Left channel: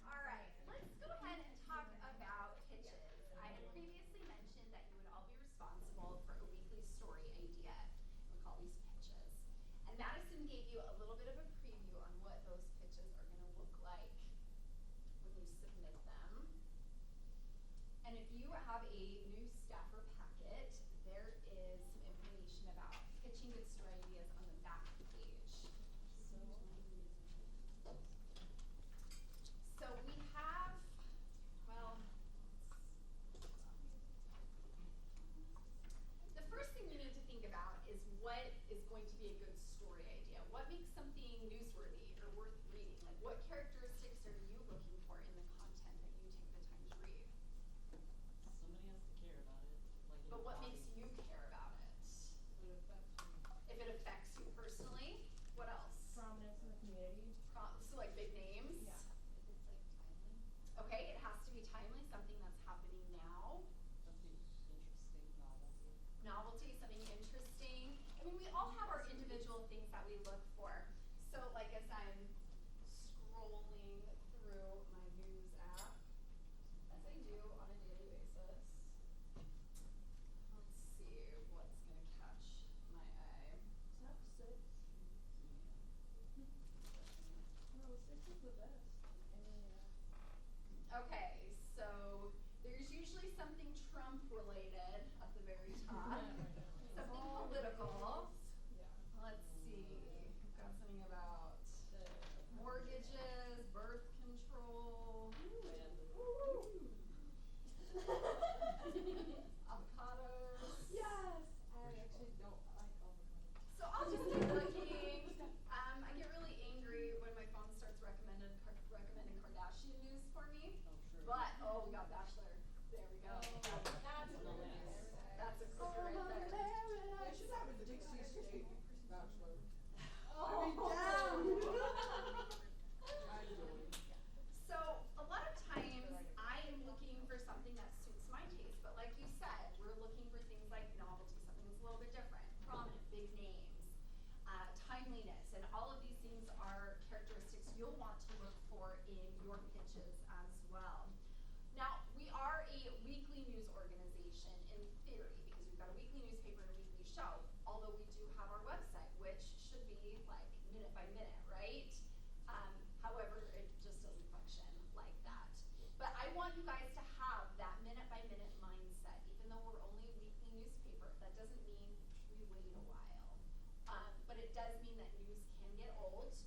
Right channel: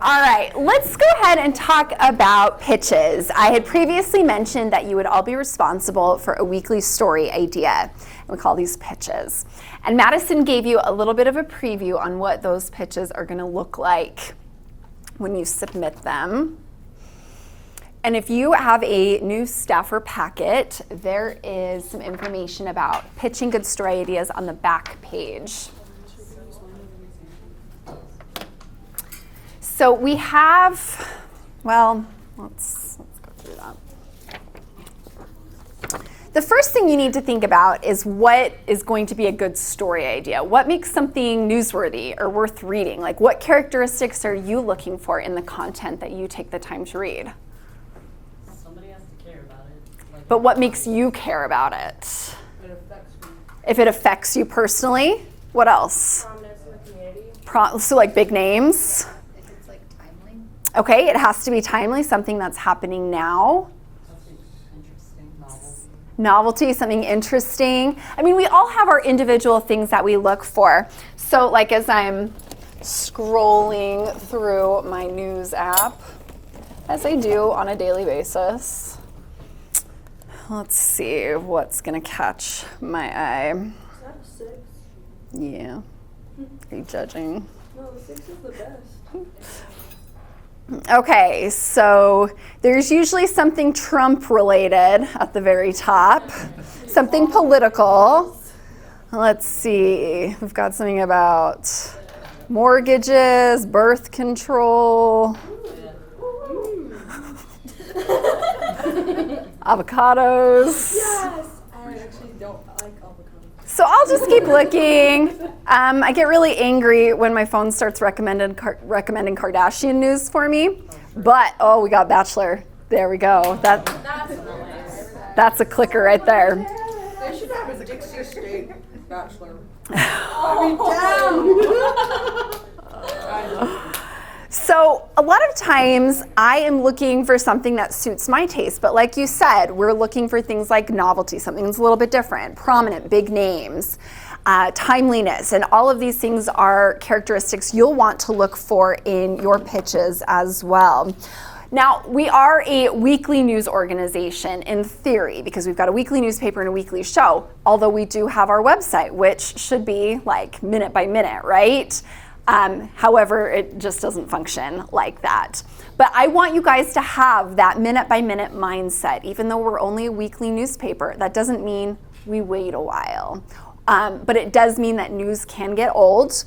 All right, let's go ahead and talk about pitches. I had previously mentioned that you would all be responsible for a weekly story idea, and we call these pitches. And Madison gave you a little bit of a preview on what those pitches are going to look like when you submit them. And if you have a new staffer packet, there is some information about pitching good story ideas on the back page. So we have, well, let's go through that. The first thing you need to think about is what is going to be a good story idea. What makes something newsworthy or worth reading? Like, what characteristics are you looking for in the content that you take the time to read? Somebody has to care about it. But what makes you care about it? It affects me. If it affects you personally, what else? Prominence in the community. So like big names? Okay, it has to be timely, something that's happening now. Something interesting, Novelty, something interesting. I mean, we all have our individual things that we look for. So like as I'm scrolling through my news app, as I do on a daily basis, let's see what's gonna catch my eye. Is that a 6? Yeah, are you judging? No, the 6 is the best. Okay, so there's usually something Trump related at the very top, something political. Let's see, we've got something about mortgages, birth control, avocados. Yes! I actually don't like avocados. So I'll just keep looking. I get really angry when my phone starts recommending Kardashian news for me. But, oh, we got Bachelor. There we go. That's a clicker right there. They should have a Dixie State Bachelor. So a lot of times I am looking for something that suits my taste, but like you said, we're looking for things like novelty, something that's a little bit different, prominent, big names, timeliness, and all of these things are characteristics you'll want to look for in your pitches as well. Now, we are a weekly news organization in theory because we've got a weekly newspaper and a weekly show, although we do have our website, which should be like minute by minute, right? However, it just doesn't function like that. But I want you guys to have that minute by minute mindset. Even though we're only a weekly newspaper, that doesn't mean we wait a while. But it does mean that news can get old.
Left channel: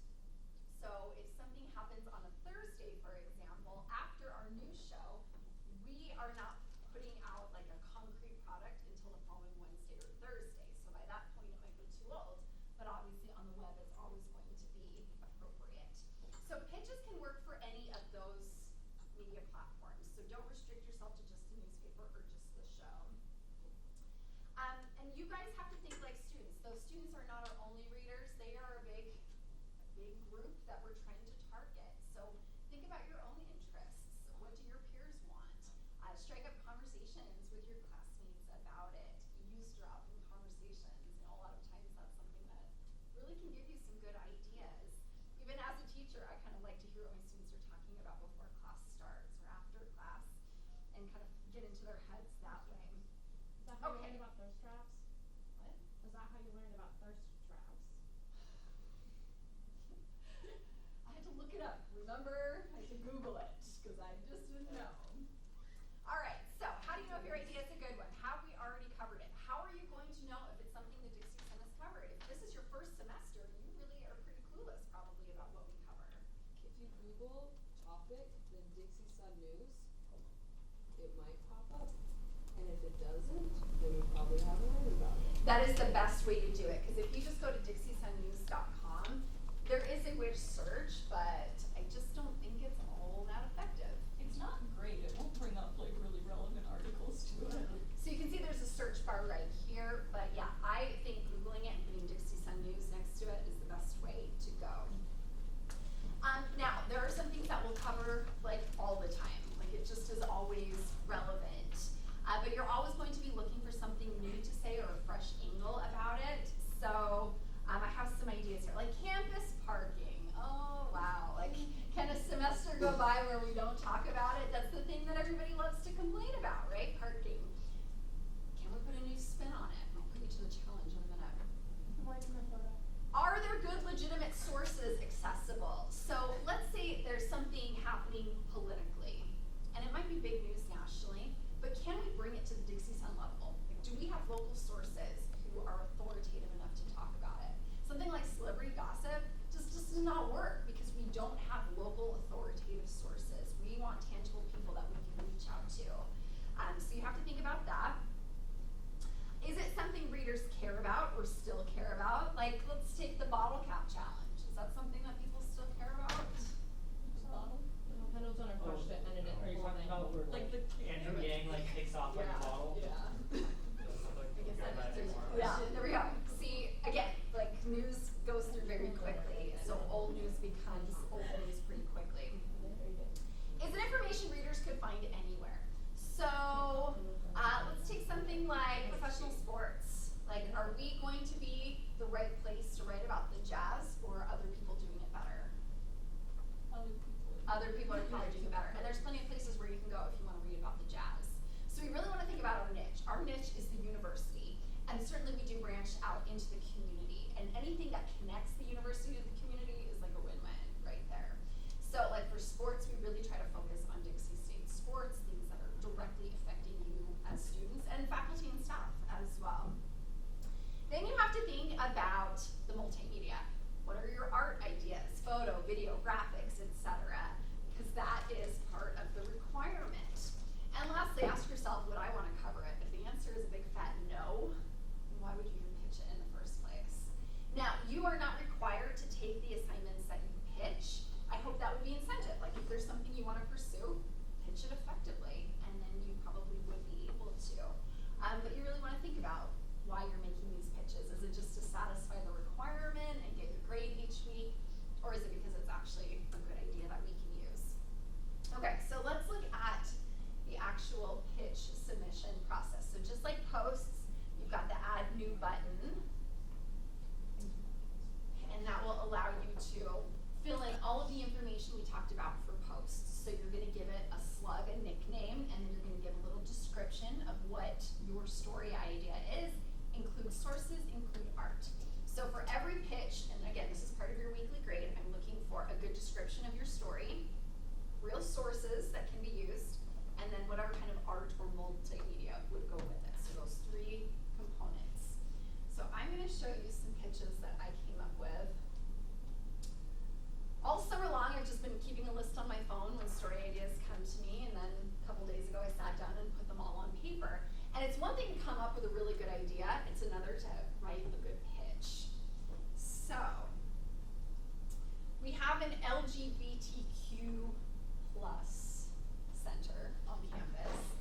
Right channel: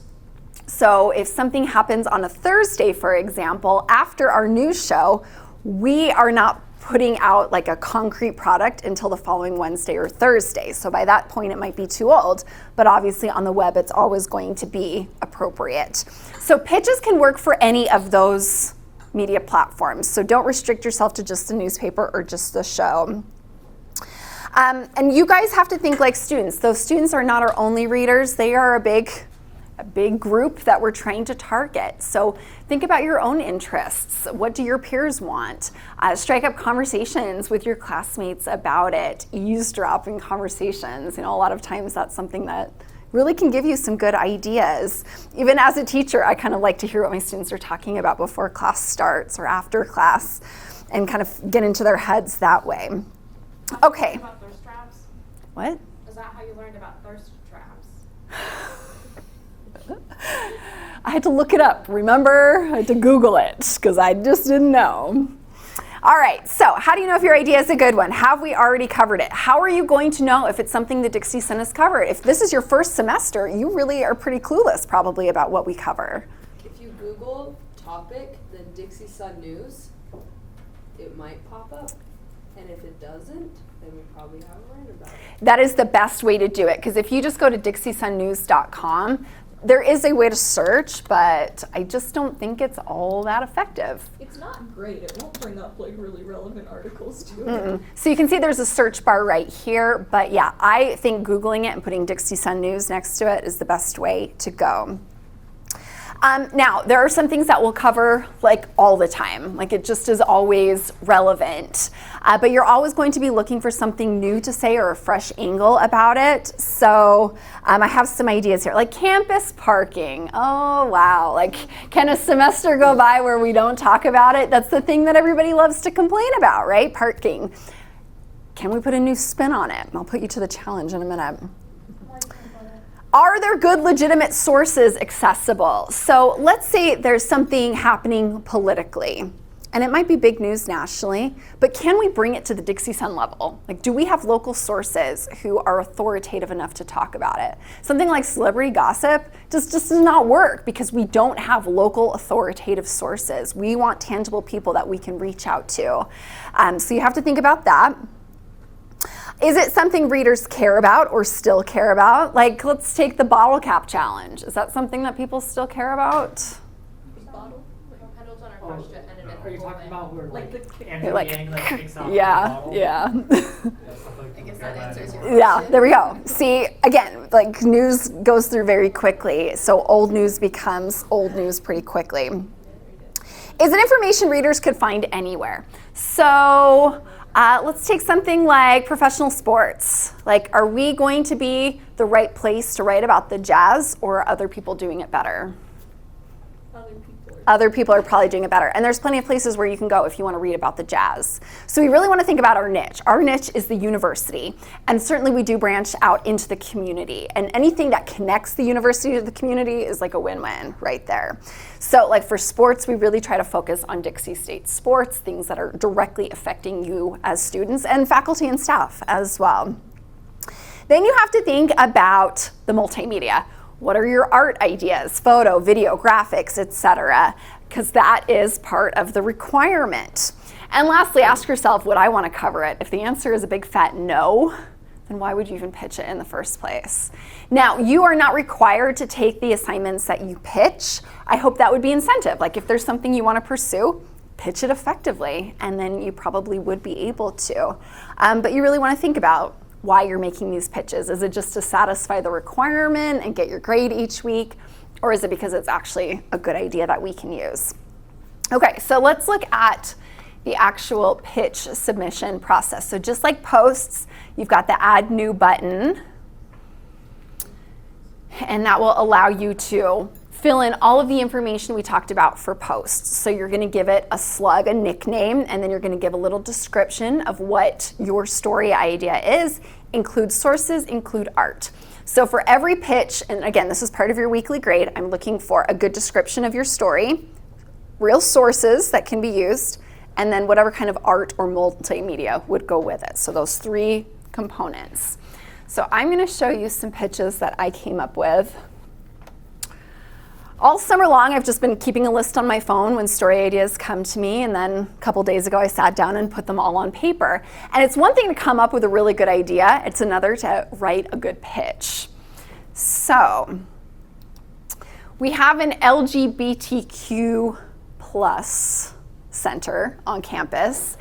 So if something happens on a Thursday, for example, after our news show, we are not putting out like a concrete product until the following Wednesday or Thursday. So by that point, it might be too old, but obviously on the web, it's always going to be appropriate. So pitches can work for any of those media platforms. So don't restrict yourself to just the newspaper or just the show. And you guys have to think like students. Those students are not our only readers. They are a big group that we're trying to target. So think about your own interests. What do your peers want? Strike up conversations with your classmates about it. Eavesdropping conversations. You know, a lot of times that's something that really can give you some good ideas. Even as a teacher, I kind of like to hear what my students are talking about before class starts or after class and kind of get into their heads that way. Okay. About thirst traps? What? Is that how you learned about thirst traps? I had to look it up, remember? I had to Google it because I just didn't know. All right, so how do you know if your idea is a good one? Have we already covered it? How are you going to know if it's something that Dixie Sun has covered? If this is your first semester, you really are pretty clueless probably about what we cover. If you Google topic, then Dixie Sun News, it might pop up. And if it doesn't, then we probably haven't learned about it. That is the best way to do it, because if you just go to dixiesunnews.com, there is a way to search, but I just don't think it's all that effective. It's not great. It won't bring up like really relevant articles to it. So you can see there's a search bar right here, but yeah, I think Googling it and putting Dixie Sun News next to it is the best way to go. Now, there are some things that we'll cover like all the time, like it just is always relevant. But you're always going to be looking for something new to say or a fresh angle about it. So I have some ideas here, like campus parking. Oh, wow. Like, can a semester go by where we don't talk about it? That's the thing that everybody loves to complain about, right? Parking. Can we put a new spin on it? I'll put you to the challenge in a minute. Are there good, legitimate sources accessible? So let's say there's something happening politically, and it might be big news nationally, but can we bring it to the Dixie Sun level? Like, do we have local sources who are authoritative enough to talk about it? Something like celebrity gossip just does not work because we don't have local authoritative sources. We want tangible people that we can reach out to. So you have to think about that. Is it something readers care about or still care about? Like, let's take the bottle cap challenge. Is that something that people still care about? Bottle? Petals on our question, and Are you talking about where Like the Andrew like, Yang like takes out yeah, the bottle? yeah. That's stuff like I guess care that about answers it. your Yeah, there we go. See, again, like news goes through very quickly, so old news becomes old news pretty quickly. Is it information readers could find anywhere? So let's take something like professional sports. Like, are we going to be the right place to write about the Jazz, or are other people doing it better? Other people are probably doing it better. And there's plenty of places where you can go if you want to read about the Jazz. So we really want to think about our niche. Our niche is the university. And certainly we do branch out into the community. And anything that connects the university to the community is like a win-win right there. So like for sports, we really try to focus on Dixie State sports, things that are directly affecting you as students and faculty and staff as well. Then you have to think about the multimedia. What are your art ideas, photo, video, graphics, etc.? Because that is part of the requirement. And lastly, ask yourself, would I want to cover it? If the answer is a big fat no, then why would you even pitch it in the first place? Now, you are not required to take the assignments that you pitch. I hope that would be incentive. Like if there's something you want to pursue, pitch it effectively, and then you probably would be able to. But you really want to think about why you're making these pitches. Is it just to satisfy the requirement and get your grade each week? Or is it because it's actually a good idea that we can use? Okay, so let's look at the actual pitch submission process. So just like posts, you've got the add new button, and that will allow you to fill in all of the information we talked about for posts. So you're gonna give it a slug, a nickname, and then you're gonna give a little description of what your story idea is, include sources, include art. So for every pitch, and again, this is part of your weekly grade, I'm looking for a good description of your story, real sources that can be used, and then whatever kind of art or multimedia would go with it. So those three components. So I'm gonna show you some pitches that I came up with. All summer long, I've just been keeping a list on my phone when story ideas come to me, and then a couple days ago, I sat down and put them all on paper. And it's one thing to come up with a really good idea, it's another to write a good pitch. So, we have an LGBTQ plus center on campus,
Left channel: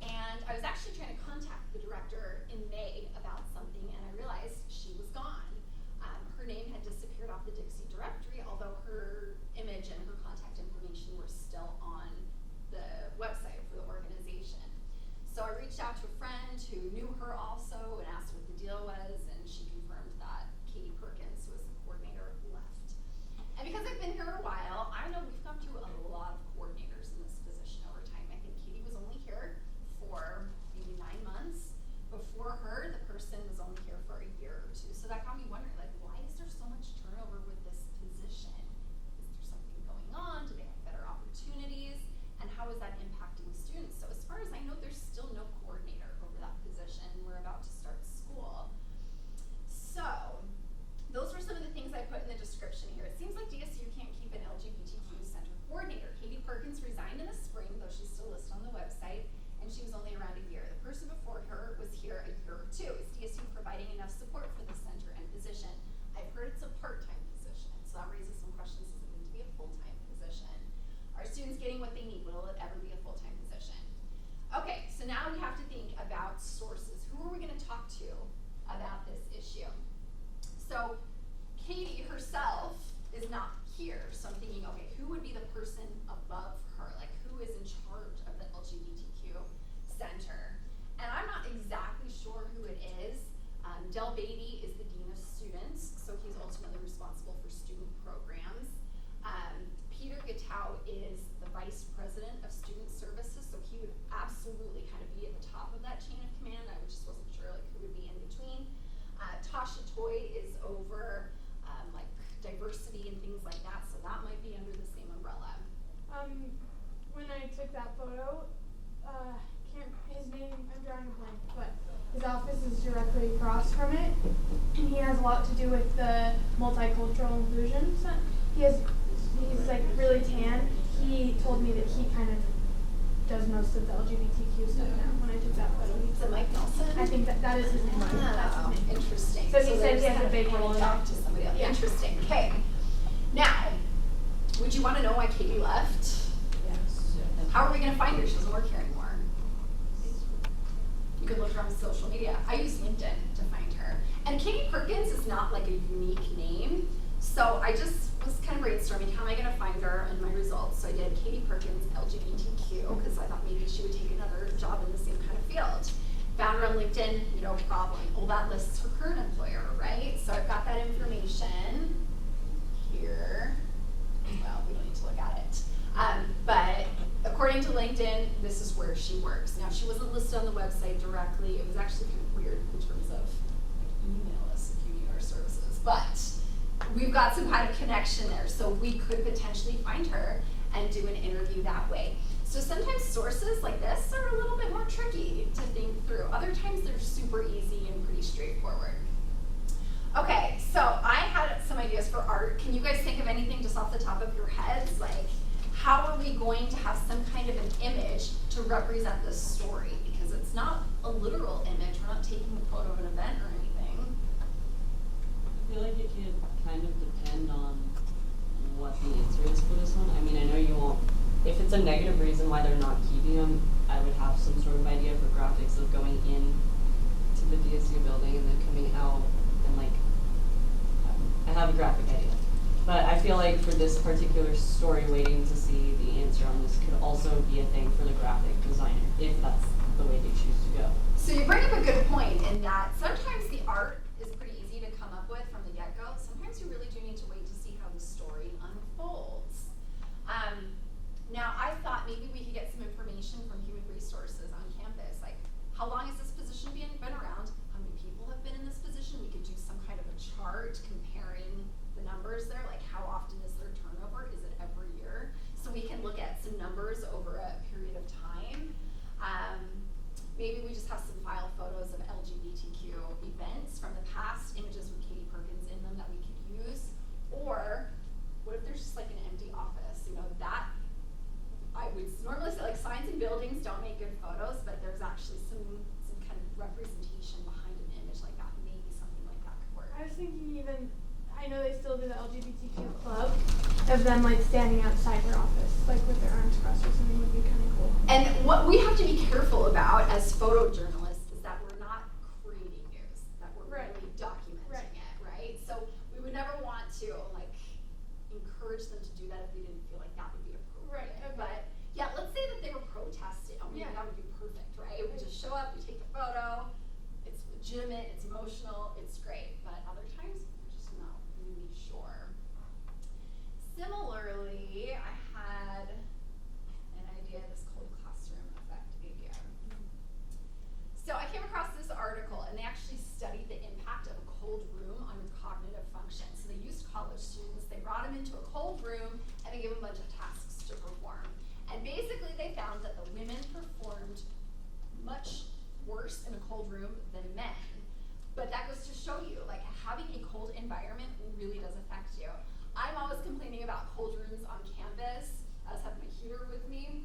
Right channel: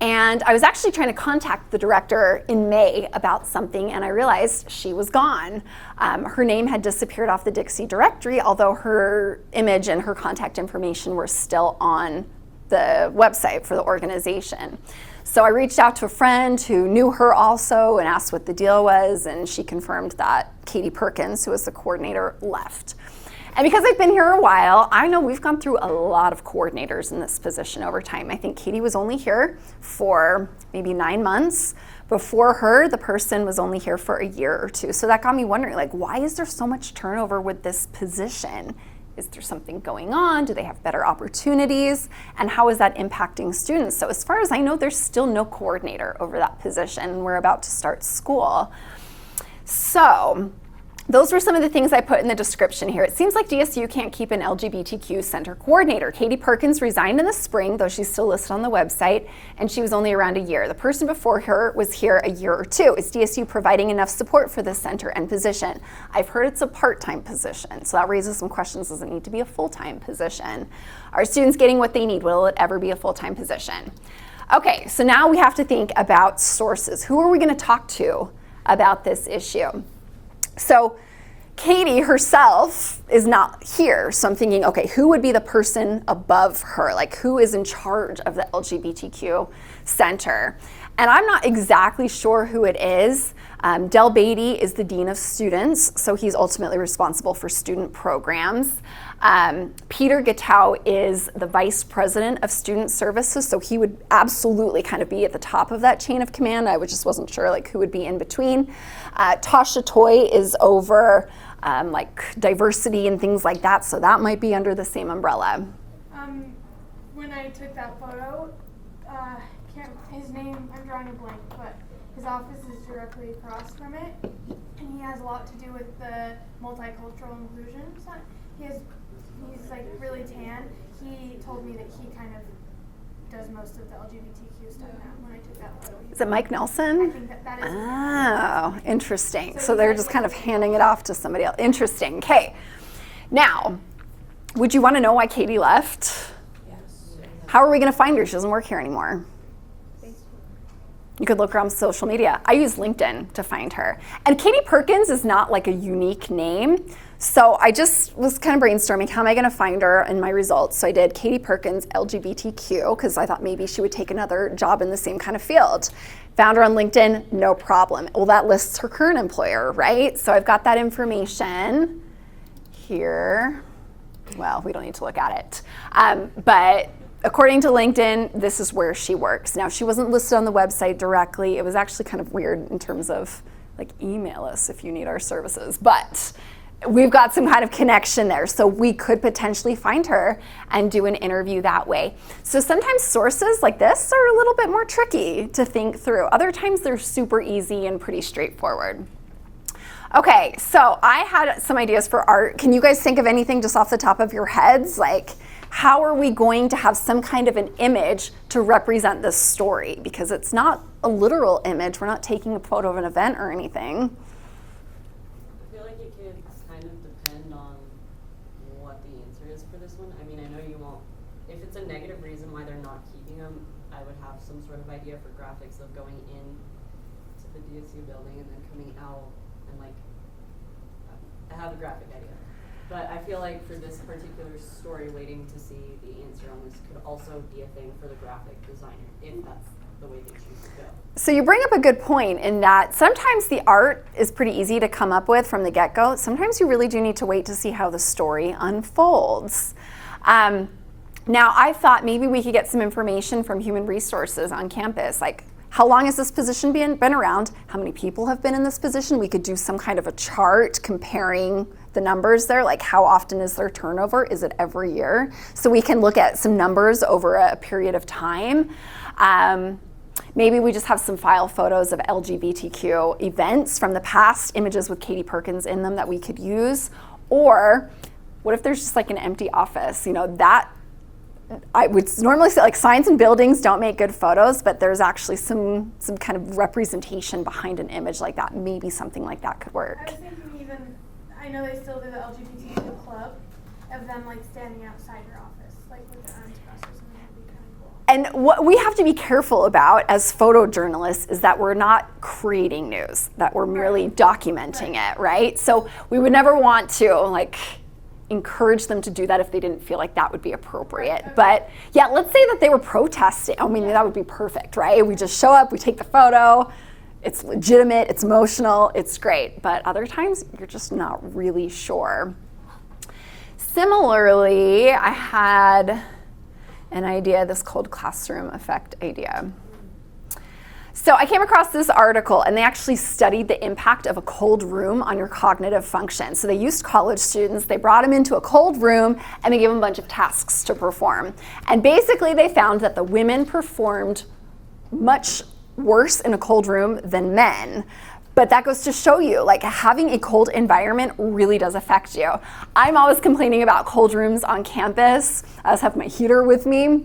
and I was actually trying to contact the director in May about something, and I realized she was gone. Her name had disappeared off the Dixie directory, although her image and her contact information were still on the website for the organization. So I reached out to a friend who knew her also and asked what the deal was, and she confirmed that Katie Perkins, who was the coordinator, left. And because I've been here a while, I know we've gone through a lot of coordinators in this position over time. I think Katie was only here for maybe 9 months. Before her, the person was only here for a year or two. So that got me wondering, like, why is there so much turnover with this position? Is there something going on? Do they have better opportunities? And how is that impacting students? So as far as I know, there's still no coordinator over that position. We're about to start school. So those were some of the things I put in the description here. It seems like DSU can't keep an LGBTQ center coordinator. Katie Perkins resigned in the spring, though she's still listed on the website, and she was only around a year. The person before her was here a year or two. Is DSU providing enough support for this center and position? I've heard it's a part-time position, so that raises some questions. Does it need to be a full-time position? Are students getting what they need? Will it ever be a full-time position? Okay, so now we have to think about sources. Who are we going to talk to about this issue? So Katie herself is not here. So I'm thinking, okay, who would be the person above her? Like, who is in charge of the LGBTQ center? And I'm not exactly sure who it is. Del Beatty is the Dean of Students, so he's ultimately responsible for student programs. Peter Gatow is the Vice President of Student Services, so he would absolutely kind of be at the top of that chain of command. I just wasn't sure like who would be in between. Tasha Toy is over like diversity and things like that, so that might be under the same umbrella. When I took that photo, his name, I'm drawing a blank, but his office is directly across from it, and he has a lot to do with the multicultural inclusion. So he's like really tan. He told me that he kind of does most of the LGBTQ stuff now. When I took that photo, Is it Mike Nelson? I think that is. his name. Oh, interesting. So So he they're said just he kind has of a big handing it role. off to somebody else. Interesting. Okay. Now, would you want to know why Katie left? How are we going to find her? She doesn't work here anymore. You could look her on social media. I use LinkedIn to find her. And Katie Perkins is not like a unique name. So I just was kind of brainstorming, how am I going to find her in my results? So I did Katie Perkins LGBTQ because I thought maybe she would take another job in the same kind of field. Found her on LinkedIn, no problem. Well, that lists her current employer, right? So I've got that information here. Well, we don't need to look at it. But according to LinkedIn, this is where she works. Now, she wasn't listed on the website directly. It was actually kind of weird in terms of like email us if you need our services. But we've got some kind of connection there. So we could potentially find her and do an interview that way. So sometimes sources like this are a little bit more tricky to think through. Other times they're super easy and pretty straightforward. Okay, so I had some ideas for art. Can you guys think of anything just off the top of your heads? Like, how are we going to have some kind of an image to represent this story? Because it's not a literal image. We're not taking a photo of an event or anything. I feel like it could kind of depend on what the answer is for this one. I mean, I know you won't, if it's a negative reason why they're not keeping them, I would have some sort of idea for graphics of going in to the DSU building and then coming out and like, I have a graphic idea. But I feel like for this particular story, waiting to see the answer on this could also be a thing for the graphic designer, if that's the way they choose to go. So you bring up a good point in that sometimes the art is pretty easy to come up with from the get-go. Sometimes you really do need to wait to see how the story unfolds. Now, I thought maybe we could get some information from human resources on campus, like how long has this position been around? How many people have been in this position? We could do some kind of a chart comparing the numbers there, like how often is their turnover? Is it every year? So we can look at some numbers over a period of time. Maybe we just have some file photos of LGBTQ events from the past, images with Katie Perkins in them that we could use. Or what if there's just like an empty office? You know, that I would normally say like signs and buildings don't make good photos, but there's actually some kind of representation behind an image like that. Maybe something like that could work. I was thinking even, I know they still do the LGBTQ club, of them like standing outside their office, like with their arms crossed or something. Would be kind of cool. And what we have to be careful about as photojournalists is that we're not creating news, that we're merely documenting it, right? So we would never want to like encourage them to do that if they didn't feel like that would be appropriate. But yeah, let's say that they were protesting. I mean, that would be perfect, right? We just show up, we take the photo, it's legitimate, it's emotional, it's great. But other times, you're just not really sure. Similarly, I had an idea, this cold classroom effect idea. So I came across this article, and they actually studied the impact of a cold room on your cognitive function. So they used college students, they brought them into a cold room, and they gave them a bunch of tasks to perform. And basically they found that the women performed much worse in a cold room than men. But that goes to show you, like, having a cold environment really does affect you. I'm always complaining about cold rooms on campus. I always have my heater with me.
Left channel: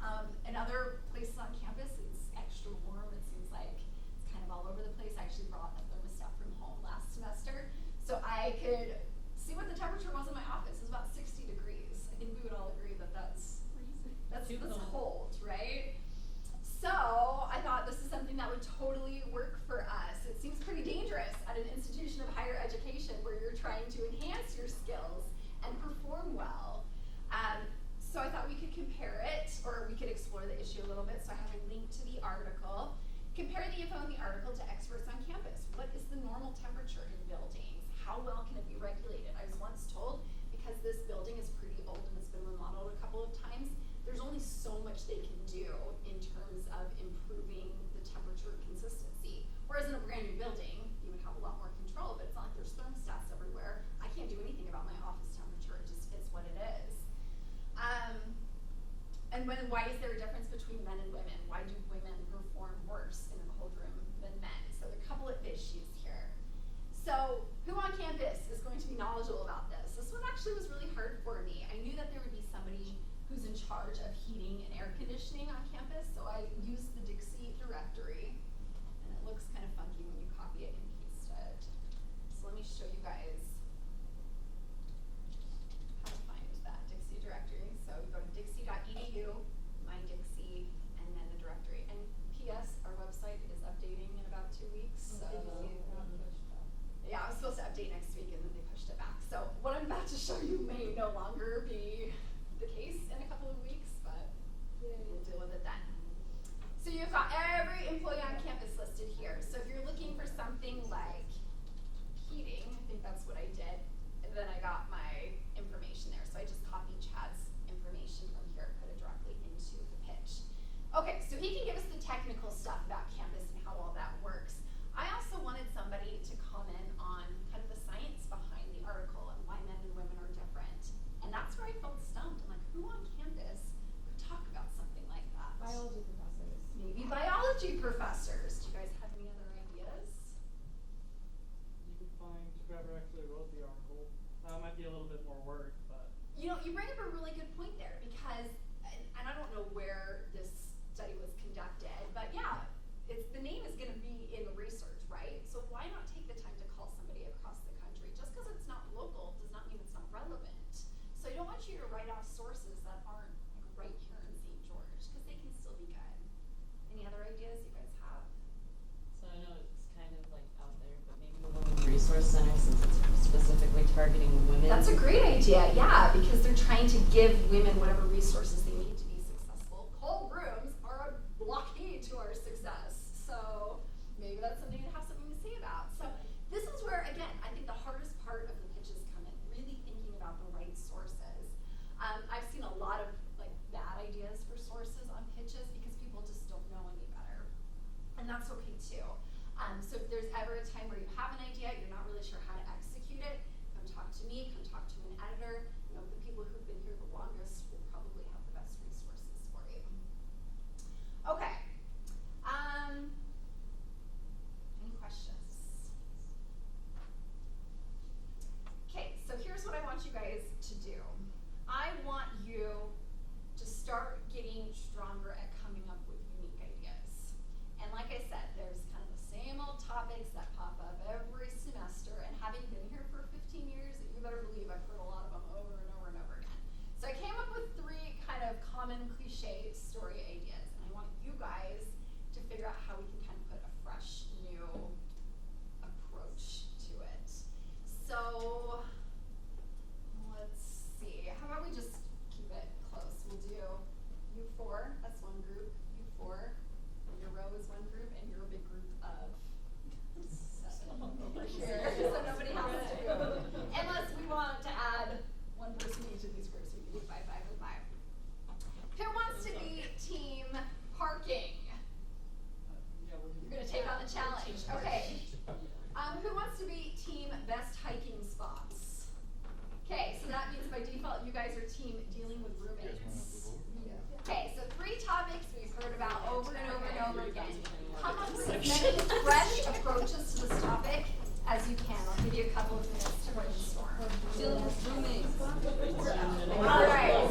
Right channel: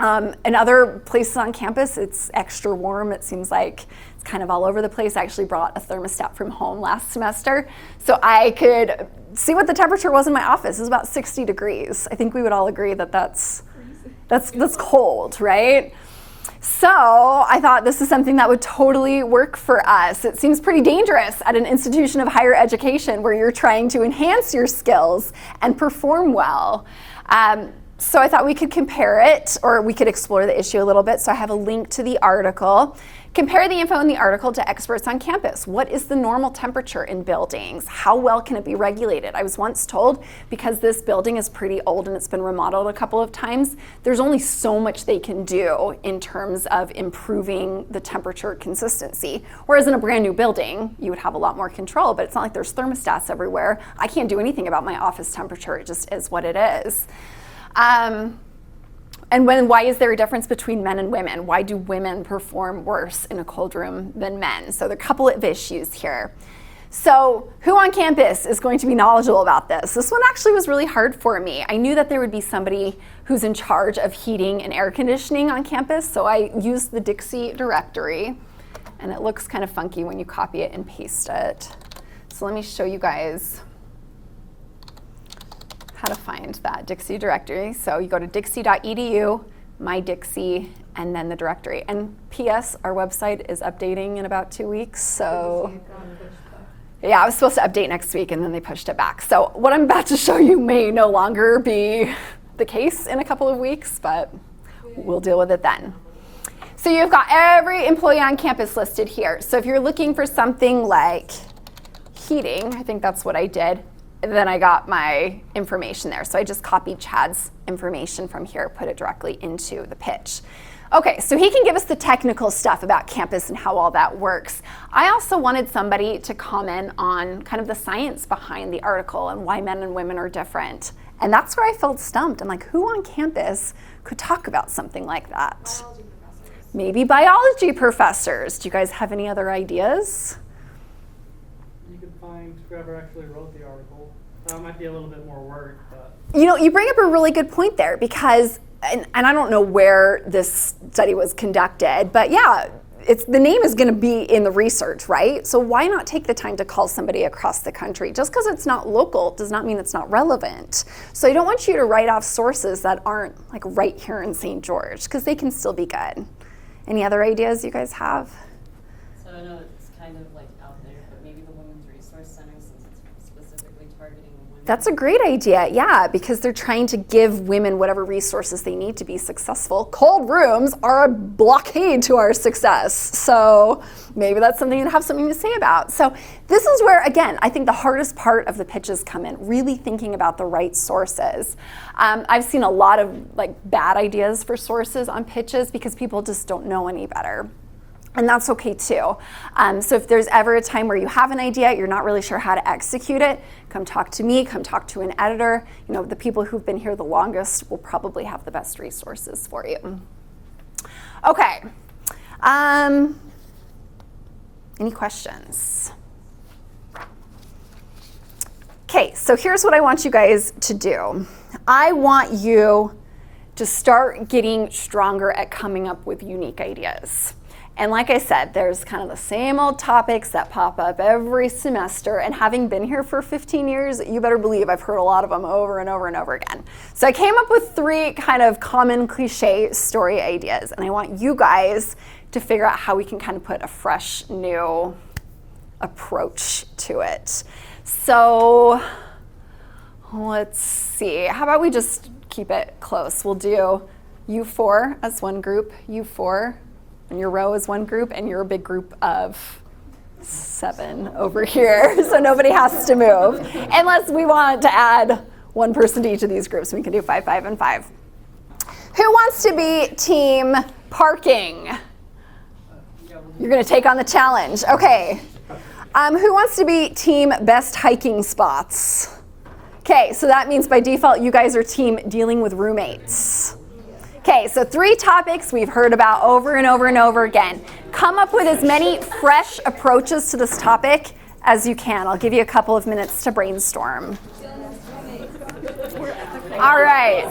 In other places on campus, it's extra warm. It seems like it's kind of all over the place. I actually brought a thermostat from home last semester, so I could see what the temperature was in my office. It was about 60 degrees. I think we would all agree that that's cold, right? So I thought this is something that would totally work for us. It seems pretty dangerous at an institution of higher education where you're trying to enhance your skills and perform well. So I thought we could compare it, or we could explore the issue a little bit. So I have a link to the article. Compare the info in the article to experts on campus. What is the normal temperature in buildings? How well can it be regulated? I was once told, because this building is pretty old and it's been remodeled a couple of times, there's only so much they can do in terms of improving the temperature consistency. Whereas in a brand new building, you would have a lot more control, but it's not like there's thermostats everywhere. I can't do anything about my office temperature. It just is what it is. And why is there a difference between men and women? Why do women perform worse in a cold room than men? So there are a couple of issues here. So who on campus is going to be knowledgeable about this? This one actually was really hard for me. I knew that there would be somebody who's in charge of heating and air conditioning on campus, so I used the Dixie directory, and it looks kind of funky when you copy it and paste it. So let me show you guys how to find that Dixie directory. So you go to dixie.edu, my Dixie, and then the directory. And P.S., our website is updating in about 2 weeks, so yeah, I was supposed to update next week and then they pushed it back. So what I'm about to show you may no longer be the case in a couple of weeks, but we'll deal with it then. So you've got every employee on campus listed here. So if you're looking for something like heating, I think that's what I did, then I got my information there. So I just copied Chad's information from here, put it directly into the pitch. Okay, so he can give us the technical stuff about campus and how all that works. I also wanted somebody to comment on kind of the science behind the article and why men and women are different. And that's where I felt stumped. I'm like, who on campus could talk about something like that? Biology professors. Maybe biology professors. Do you guys have any other ideas? You can find whoever actually wrote the article. It might be a little bit more work, but. You know, you bring up a really good point there because, and I don't know where this study was conducted, but yeah, the name is going to be in the research, right? So why not take the time to call somebody across the country? Just because it's not local does not mean it's not relevant. So I don't want you to write off sources that aren't like right here in St. George, because they can still be good. Any other ideas you guys have? So I know it's kind of like out there, but maybe the Women's Resource Center, since it's specifically targeting women. That's a great idea, yeah, because they're trying to give women whatever resources they need to be successful. Cold rooms are a blockade to our success, so maybe that's something you'd have something to say about. So this is where, again, I think the hardest part of the pitches come in, really thinking about the right sources. I've seen a lot of bad ideas for sources on pitches because people just don't know any better. And that's okay too. So if there's ever a time where you have an idea, you're not really sure how to execute it, come talk to me, come talk to an editor. You know, the people who've been here the longest will probably have the best resources for you. Okay. Any questions? Okay, so here's what I want you guys to do. I want you to start getting stronger at coming up with unique ideas. And like I said, there's kind of the same old topics that pop up every semester, and having been here for 15 years, you better believe I've heard a lot of them over and over and over again. So I came up with 3 kind of common cliche story ideas, and I want you guys to figure out how we can kind of put a fresh, new approach to it. So let's see, how about we just keep it close? We'll do you 4 as one group, you 4, and your row is one group, and you're a big group of 7 over here, so nobody has to move. Unless we want to add one person to each of these groups, we can do 5, 5, and 5. Who wants to be team parking? You're gonna take on the challenge, okay. Who wants to be team best hiking spots? Okay, so that means by default, you guys are team dealing with roommates. Okay, so 3 topics we've heard about over and over and over again. Come up with as many fresh approaches to this topic as you can. I'll give you a couple of minutes to brainstorm. All right.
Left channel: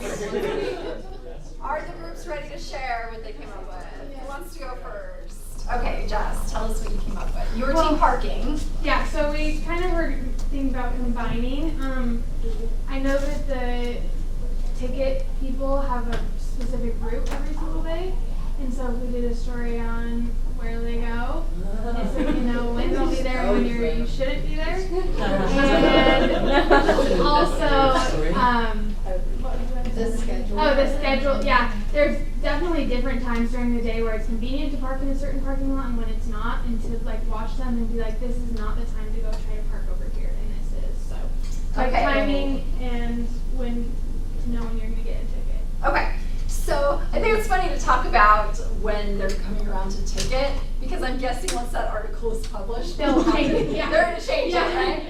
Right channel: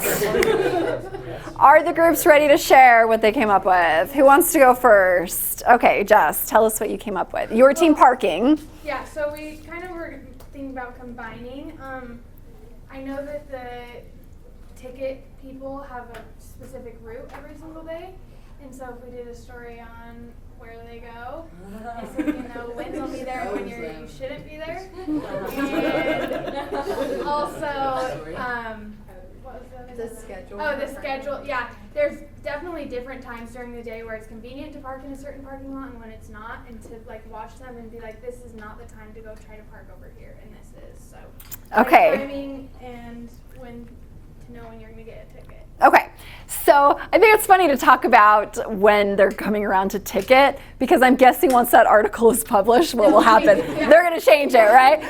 Are the groups ready to share what they came up with? Who wants to go first? Okay, Jess, tell us what you came up with. Your team parking. Yeah, so we kind of were thinking about combining. I know that the ticket people have a specific route every single day, And so we did a story on where they go. And so you know when they'll be there and when you shouldn't be there. And also, what was that? The schedule. Oh, the schedule, yeah. There's definitely different times during the day where it's convenient to park in a certain parking lot and when it's not, and to like watch them and be like, this is not the time to go try to park over here, and this is, so. Okay. Timing and when to know when you're gonna get a ticket. Okay. So I think it's funny to talk about when they're coming around to ticket, because I'm guessing once that article is published, what will happen? Yeah. They're going to change it, right?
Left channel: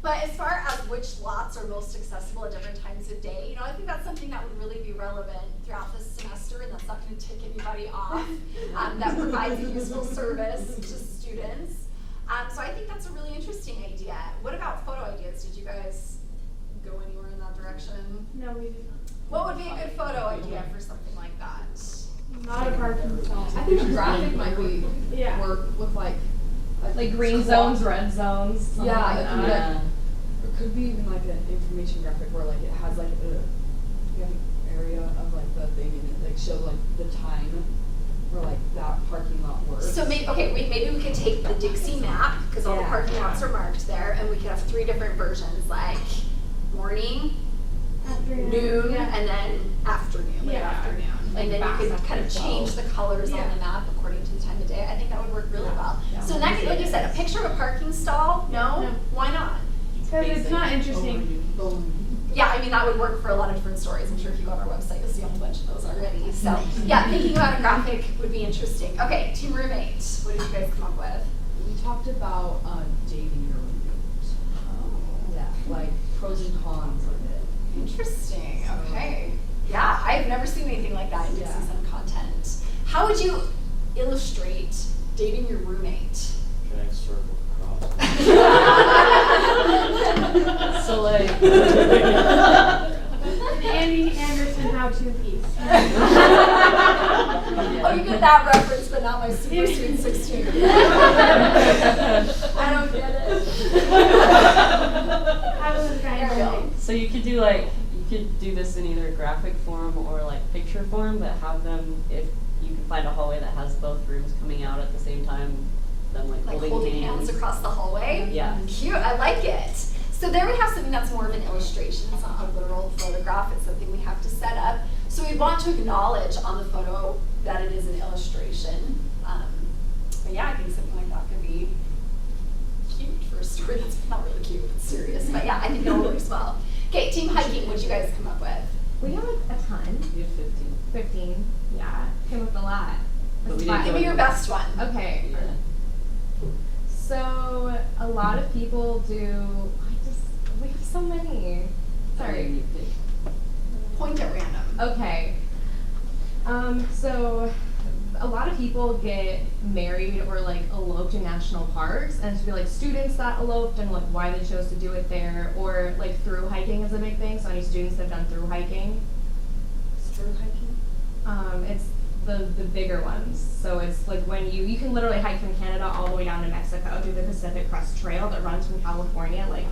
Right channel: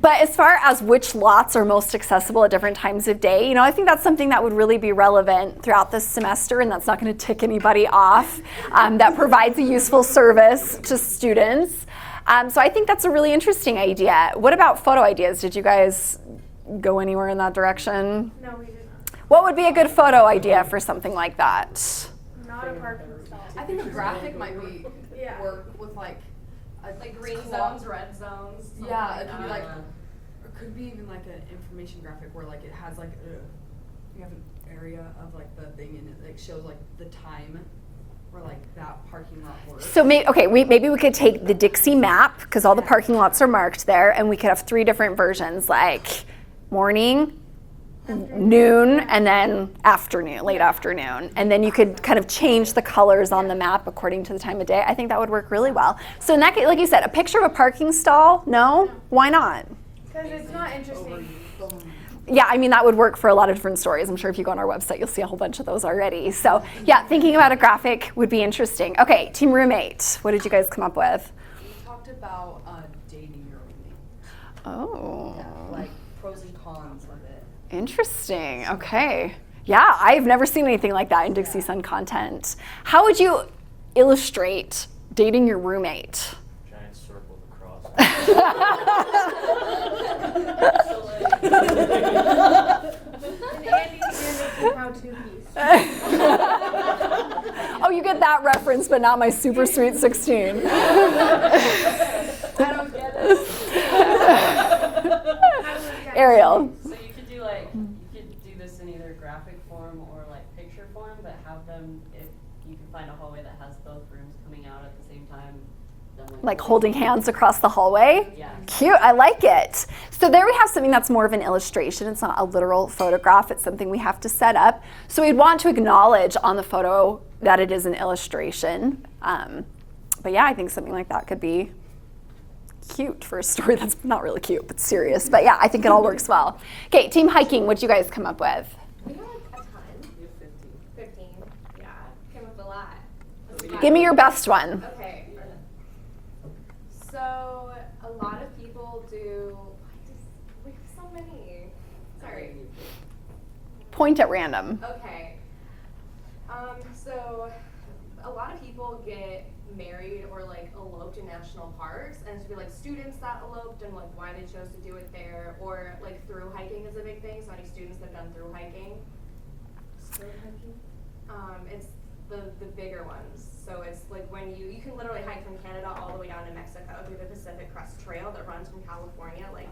But as far as which lots are most accessible at different times of day, I think that's something that would really be relevant throughout this semester, and that's not going to tick anybody off. That provides a useful service to students. So I think that's a really interesting idea. What about photo ideas? Did you guys go anywhere in that direction? No, we did not. What would be a good photo idea for something like that? Not a parking stall. I think a graphic might be Yeah. work with like green zones, red zones. something Yeah, like it could be that. It could be even like an information graphic where like it has like you have an area of like the thing and it like shows like the time where like that parking lot works. So maybe we could take the Dixie map, because all the Yeah. parking lots are marked there, and we could have 3 different versions, like morning, noon, and then afternoon, late afternoon. And then you could kind of change the colors on the map according to the time of day. I think that would work really well. So in that case, like you said, a picture of a parking stall, no? Why not? Because it's not interesting. Yeah, I mean, that would work for a lot of different stories. I'm sure if you go on our website, you'll see a whole bunch of those already. So yeah, thinking about a graphic would be interesting. Okay, team roommate, what did you guys come up with? We talked about dating your roommate. Oh. Yeah, like Pros and cons of it. Interesting. Okay. Yeah, I've never seen anything like that in Dixie Sun content. How would you illustrate dating your roommate? Giant circle across. So like, Andy Anderson how-to piece. Oh, you get that reference, but not my super sweet 16. I don't get it. Ariel. so you could do this in either graphic form or like picture form, but have them, if you can find a hallway that has both rooms coming out at the same time, then Like holding hands across the hallway? Yeah. Cute, I like it. So there we have something that's more of an illustration. It's not a literal photograph. It's something we have to set up. So we'd want to acknowledge on the photo that it is an illustration. But yeah, I think something like that could be cute for a story that's not really cute, but serious. But yeah, I think it all works well. Okay, team hiking, what'd you guys come up with? We have a ton. You have 15. 15. Yeah. Came with a lot. That's fine. Give me your best one. Okay. Yeah. So a lot of people do. We have so many. Sorry. You could- Point at random. Okay. So a lot of people get married or like eloped in national parks, and it's be like students that eloped and like why they chose to do it there, or like through hiking is a big thing. So any students that have done through hiking. through hiking. It's the bigger ones. So it's like when you can literally hike from Canada all the way down to Mexico through the Pacific Crest Trail that runs from California like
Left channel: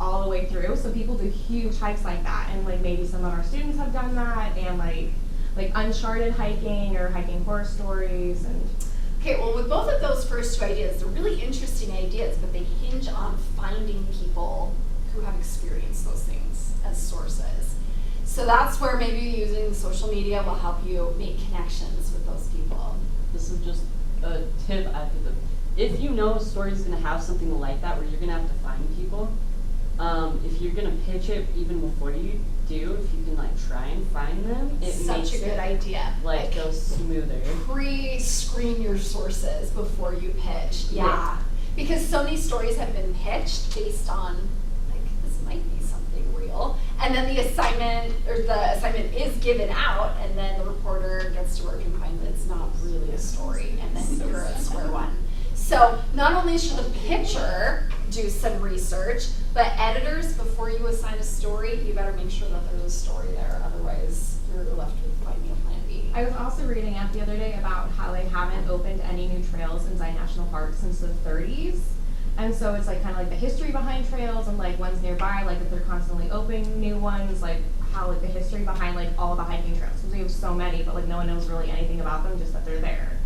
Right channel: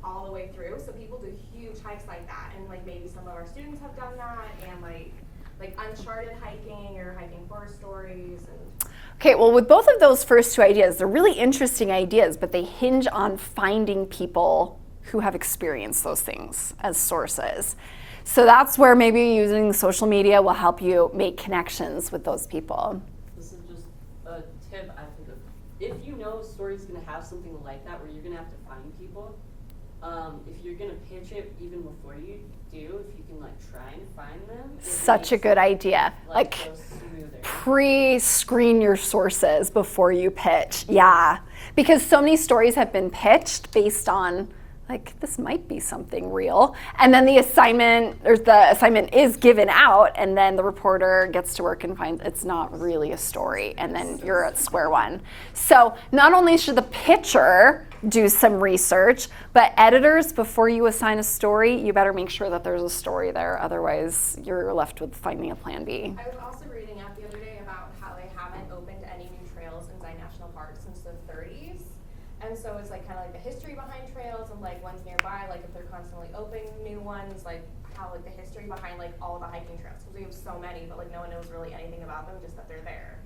all the way through. So people do huge hikes like that, and like maybe some of our students have done that, and like uncharted hiking or hiking horror stories and. Okay, well, with both of those first 2 ideas, they're really interesting ideas, but they hinge on finding people who have experienced those things as sources. So that's where maybe using social media will help you make connections with those people. This is just a tip I think of. If you know a story is going to have something like that where you're going to have to find people, if you're going to pitch it even before you do, if you can like try and find them, it Such a makes good it, idea. Like go smoother. Pre-screen your sources before you pitch. Yeah, because so many stories have been pitched based on like this might be something real, and then the assignment is given out, and then the reporter gets to work and finds it's not really a story, and then you're at square one. So not only should the pitcher do some research, but editors, before you assign a story, you better make sure that there's a story there. Otherwise, you're left with finding a plan B. I was also reading up the other day about how they haven't opened any new trails in Zion National Park since the 30s. And so it's like kind of like the history behind trails and like ones nearby, like if they're constantly opening new ones, like how like the history behind like all the hiking trails. So we there's so many, but like no one knows really anything about them, just that they're there.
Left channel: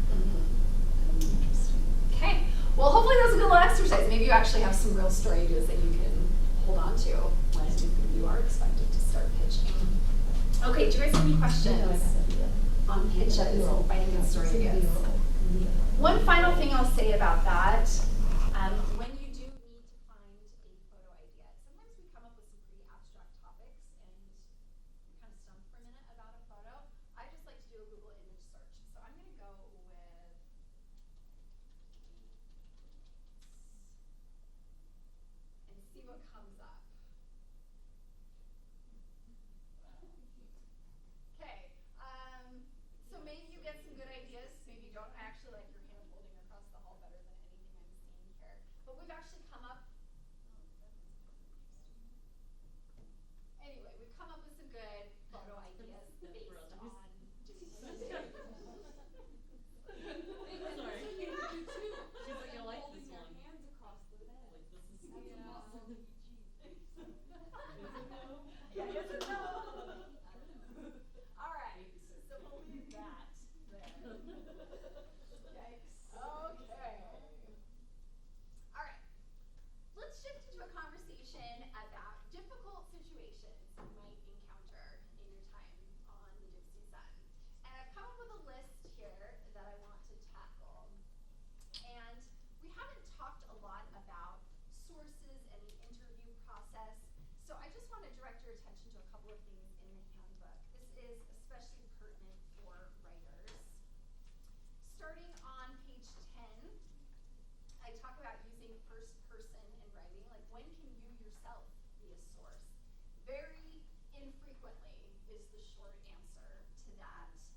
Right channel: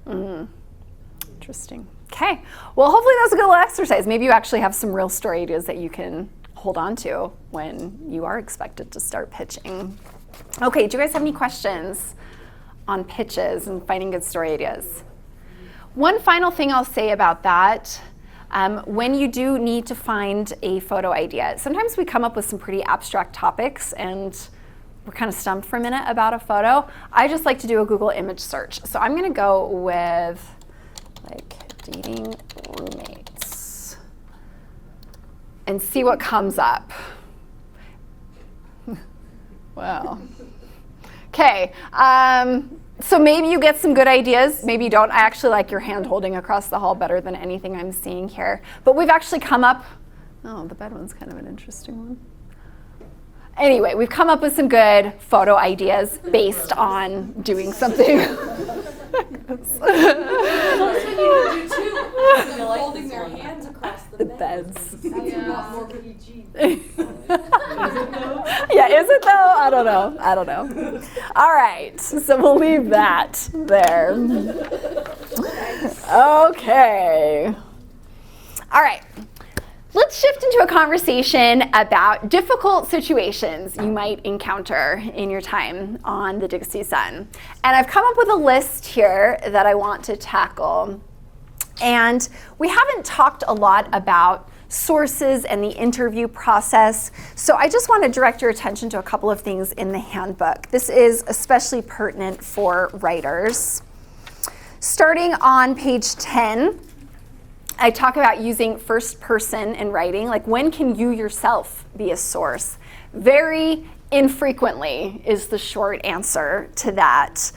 Interesting. Okay. Well, hopefully that was a good little exercise. Maybe you actually have some real story ideas that you can hold on to when you are expected to start pitching. Okay, do you guys have any questions on pitches and finding good story ideas? One final thing I'll say about that, when you do need to find a photo idea, sometimes we come up with some pretty abstract topics and we're kind of stumped for a minute about a photo. I just like to do a Google image search. So I'm gonna go with like dating roommates and see what comes up. Wow. Okay, so maybe you get some good ideas, maybe you don't. I actually like your hand holding across the hall better than anything I'm seeing here. But we've actually come up, oh, the bed one's kind of an interesting one. Anyway, we've come up with some good photo ideas based on doing something. Holding their hands across the beds. That's a lot more PG. Yeah, is it though? I don't know. All right, so we'll leave that there. Okay. All right. Let's shift into a conversation about difficult situations you might encounter in your time on the Dixie Sun. And I've come up with a list here that I want to tackle. And we haven't talked a lot about sources and the interview process, so I just want to direct your attention to a couple of things in the handbook. This is especially pertinent for writers. Starting on page 10, I talk about using first person in writing. Like, when can you yourself be a source? Very infrequently is the short answer to that.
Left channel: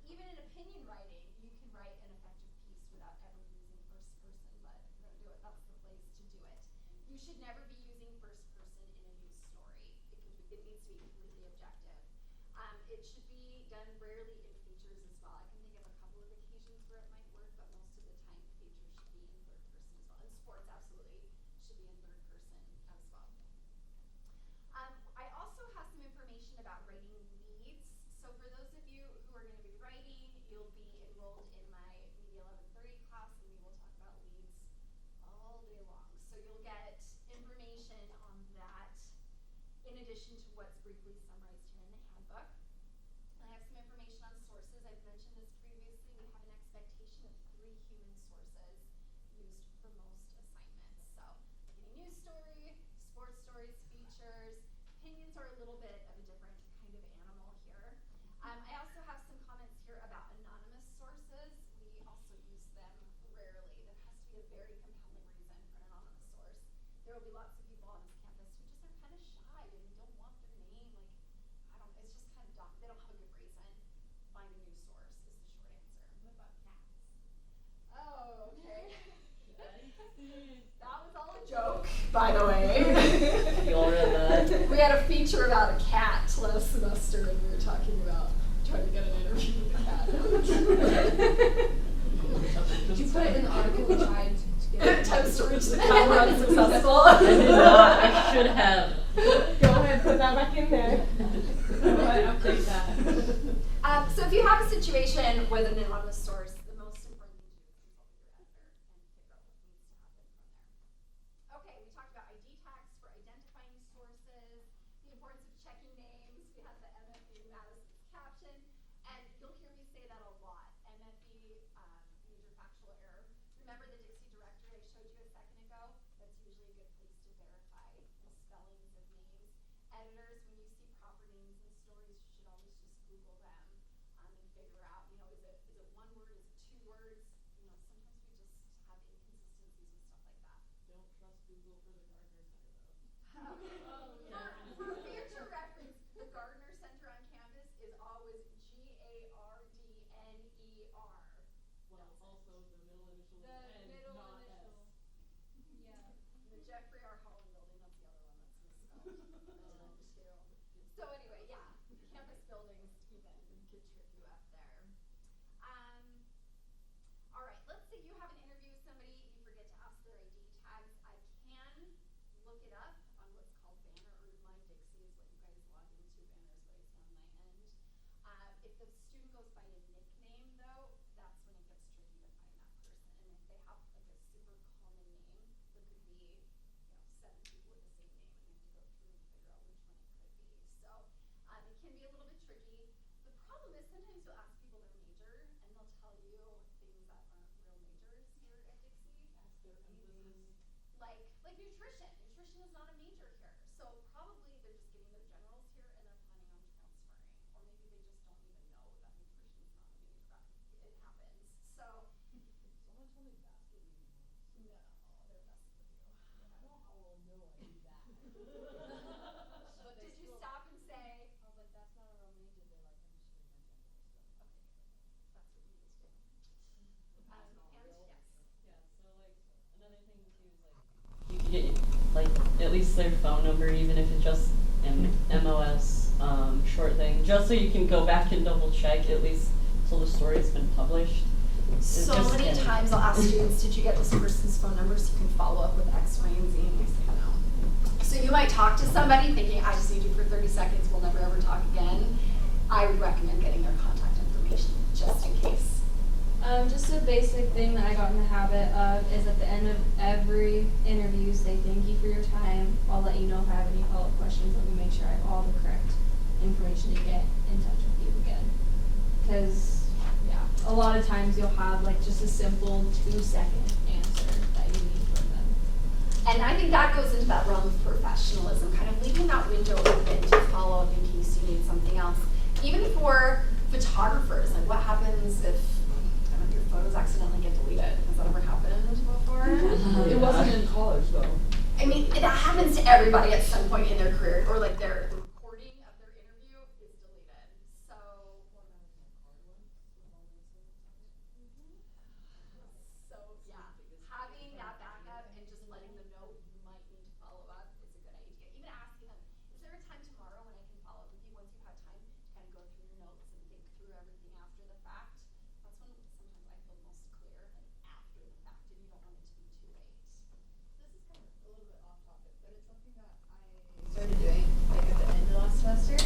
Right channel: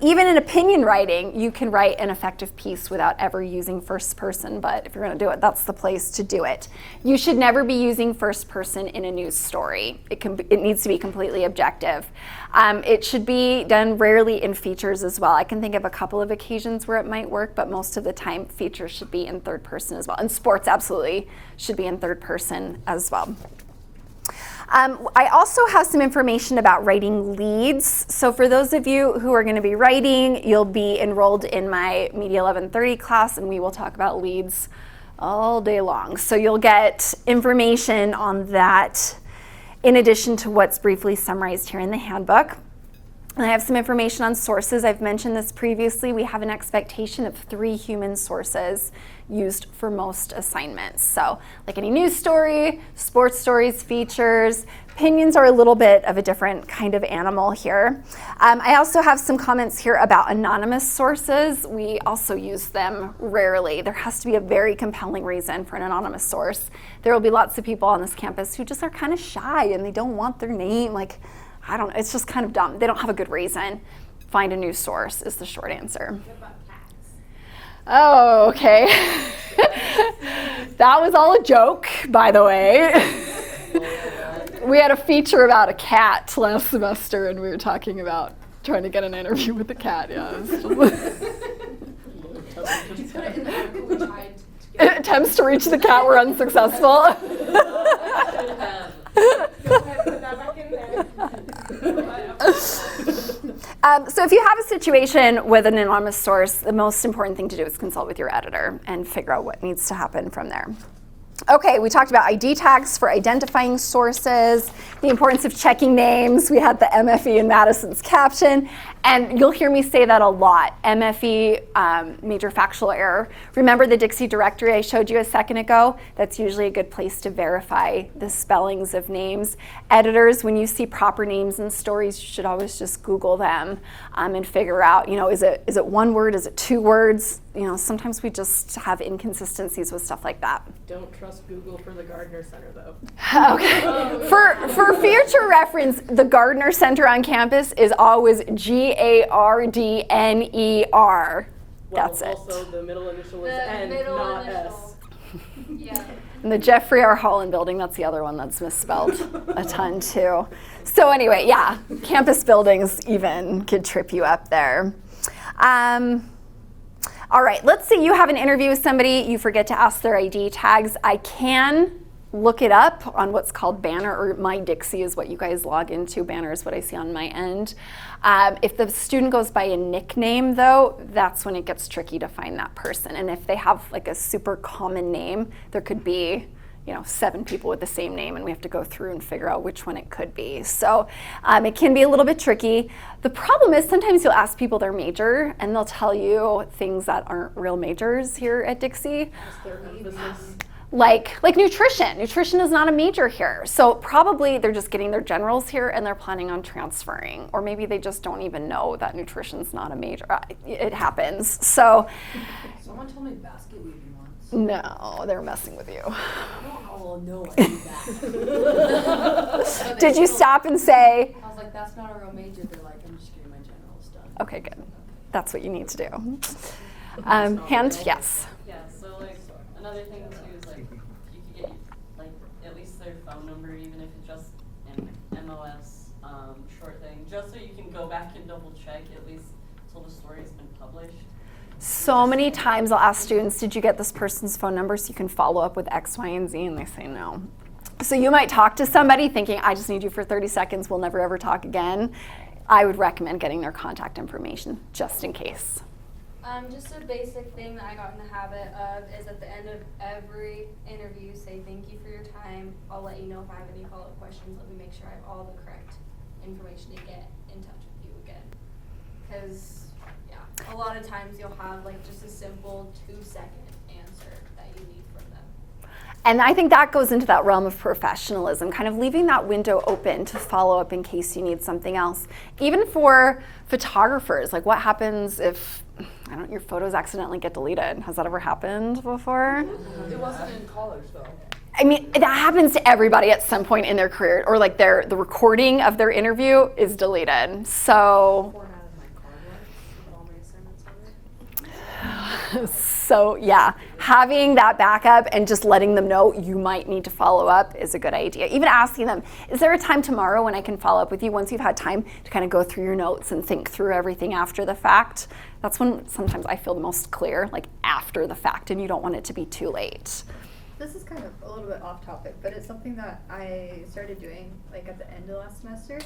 Even in opinion writing, you can write an effective piece without ever using first person, but if you're going to do it, that's the place to do it. You should never be using first person in a news story. It needs to be completely objective. It should be done rarely in features as well. I can think of a couple of occasions where it might work, but most of the time features should be in third person as well. And sports absolutely should be in third person as well. I also have some information about writing leads. So for those of you who are going to be writing, you'll be enrolled in my Media 1130 class, and we will talk about leads all day long. So you'll get information on that in addition to what's briefly summarized here in the handbook. And I have some information on sources. I've mentioned this previously. We have an expectation of 3 human sources used for most assignments. So like any news story, sports stories, features, opinions are a little bit of a different kind of animal here. I also have some comments here about anonymous sources. We also use them rarely. There has to be a very compelling reason for an anonymous source. There will be lots of people on this campus who just are kind of shy and they don't want their name. Like, I don't know, it's just kind of dumb. They don't have a good reason. Find a news source is the short answer. Oh, okay. That was all a joke, by the way. We had a feature about a cat last semester, and we were talking about trying to get an interview with the cat. Yeah. Attempts to reach the cat were unsuccessful. I should have. Go ahead, put that back in there. So if you have a situation with an anonymous source, the most important thing to do is consult with your editor and figure out what needs to happen from there. Okay, we talked about ID tags for identifying sources, the importance of checking names. We had the MFE in Madison's caption, and you'll hear me say that a lot. MFE, major factual error. Remember the Dixie directory I showed you a second ago? That's usually a good place to verify the spellings of names. Editors, when you see proper names in stories, you should always just Google them and figure out, is it one word, is it 2 words? Sometimes we just have inconsistencies with stuff like that. Don't trust Google for the Gardner Center, though. Okay. For future reference, the Gardner Center on campus is always Gardner. That's it. Also, the middle initial is N, not S. Yeah. And the Jeffrey R. Holland building, that's the other one that's misspelled a ton too. So anyway, yeah, campus buildings even could trip you up there. All right, let's say you have an interview with somebody, you forget to ask their ID tags. I can look it up on what's called Banner, or My Dixie is what you guys log into. Banner is what I see on my end. If the student goes by a nickname, though, that's when it gets tricky to find that person. And if they have like a super common name, there could be 7 people with the same name, and we have to go through and figure out which one it could be. So it can be a little bit tricky. The problem is sometimes you'll ask people their major, and they'll tell you things that aren't real majors here at Dixie. Like nutrition. Nutrition is not a major here. So probably they're just getting their generals here and they're planning on transferring. Or maybe they just don't even know that nutrition's not a major. It happens. So Someone told me basket weaving once. no, they're messing with you. Oh, no, I knew that. Did you stop and say? I was like, that's not a real major. They're like, I'm just getting my generals done. Okay, good. That's what you need to do. Hand, yes. Yeah, so like another thing too is like you can get like at least their phone number, even if it's just an MOS short thing, just so you can go back and double check at least till the story's been published. So many times I'll ask students, did you get this person's phone number so you can follow up with X, Y, and Z? And they say no. So you might talk to somebody thinking, I just need you for 30 seconds, we'll never ever talk again. I would recommend getting their contact information just in case. Just a basic thing that I got in the habit of is at the end of every interview, say thank you for your time. I'll let you know if I have any follow-up questions. Let me make sure I have all the correct information to get in touch with you again. Because, yeah, a lot of times you'll have like just a simple 2-second answer that you need from them. And I think that goes into that realm of professionalism, kind of leaving that window open to follow up in case you need something else. Even for photographers, like what happens if your photos accidentally get deleted? Has that ever happened before? It wasn't in college though. I mean, that happens to everybody at some point in their career, or like the recording of their interview is deleted. So, so yeah, having that backup and just letting them know you might need to follow up is a good idea. Even asking them, is there a time tomorrow when I can follow up with you once you've had time to kind of go through your notes and think through everything after the fact? That's when sometimes I feel the most clear, like after the fact, and you don't want it to be too late. This is kind of a little bit off topic, but it's something that I started doing like at the end of last semester.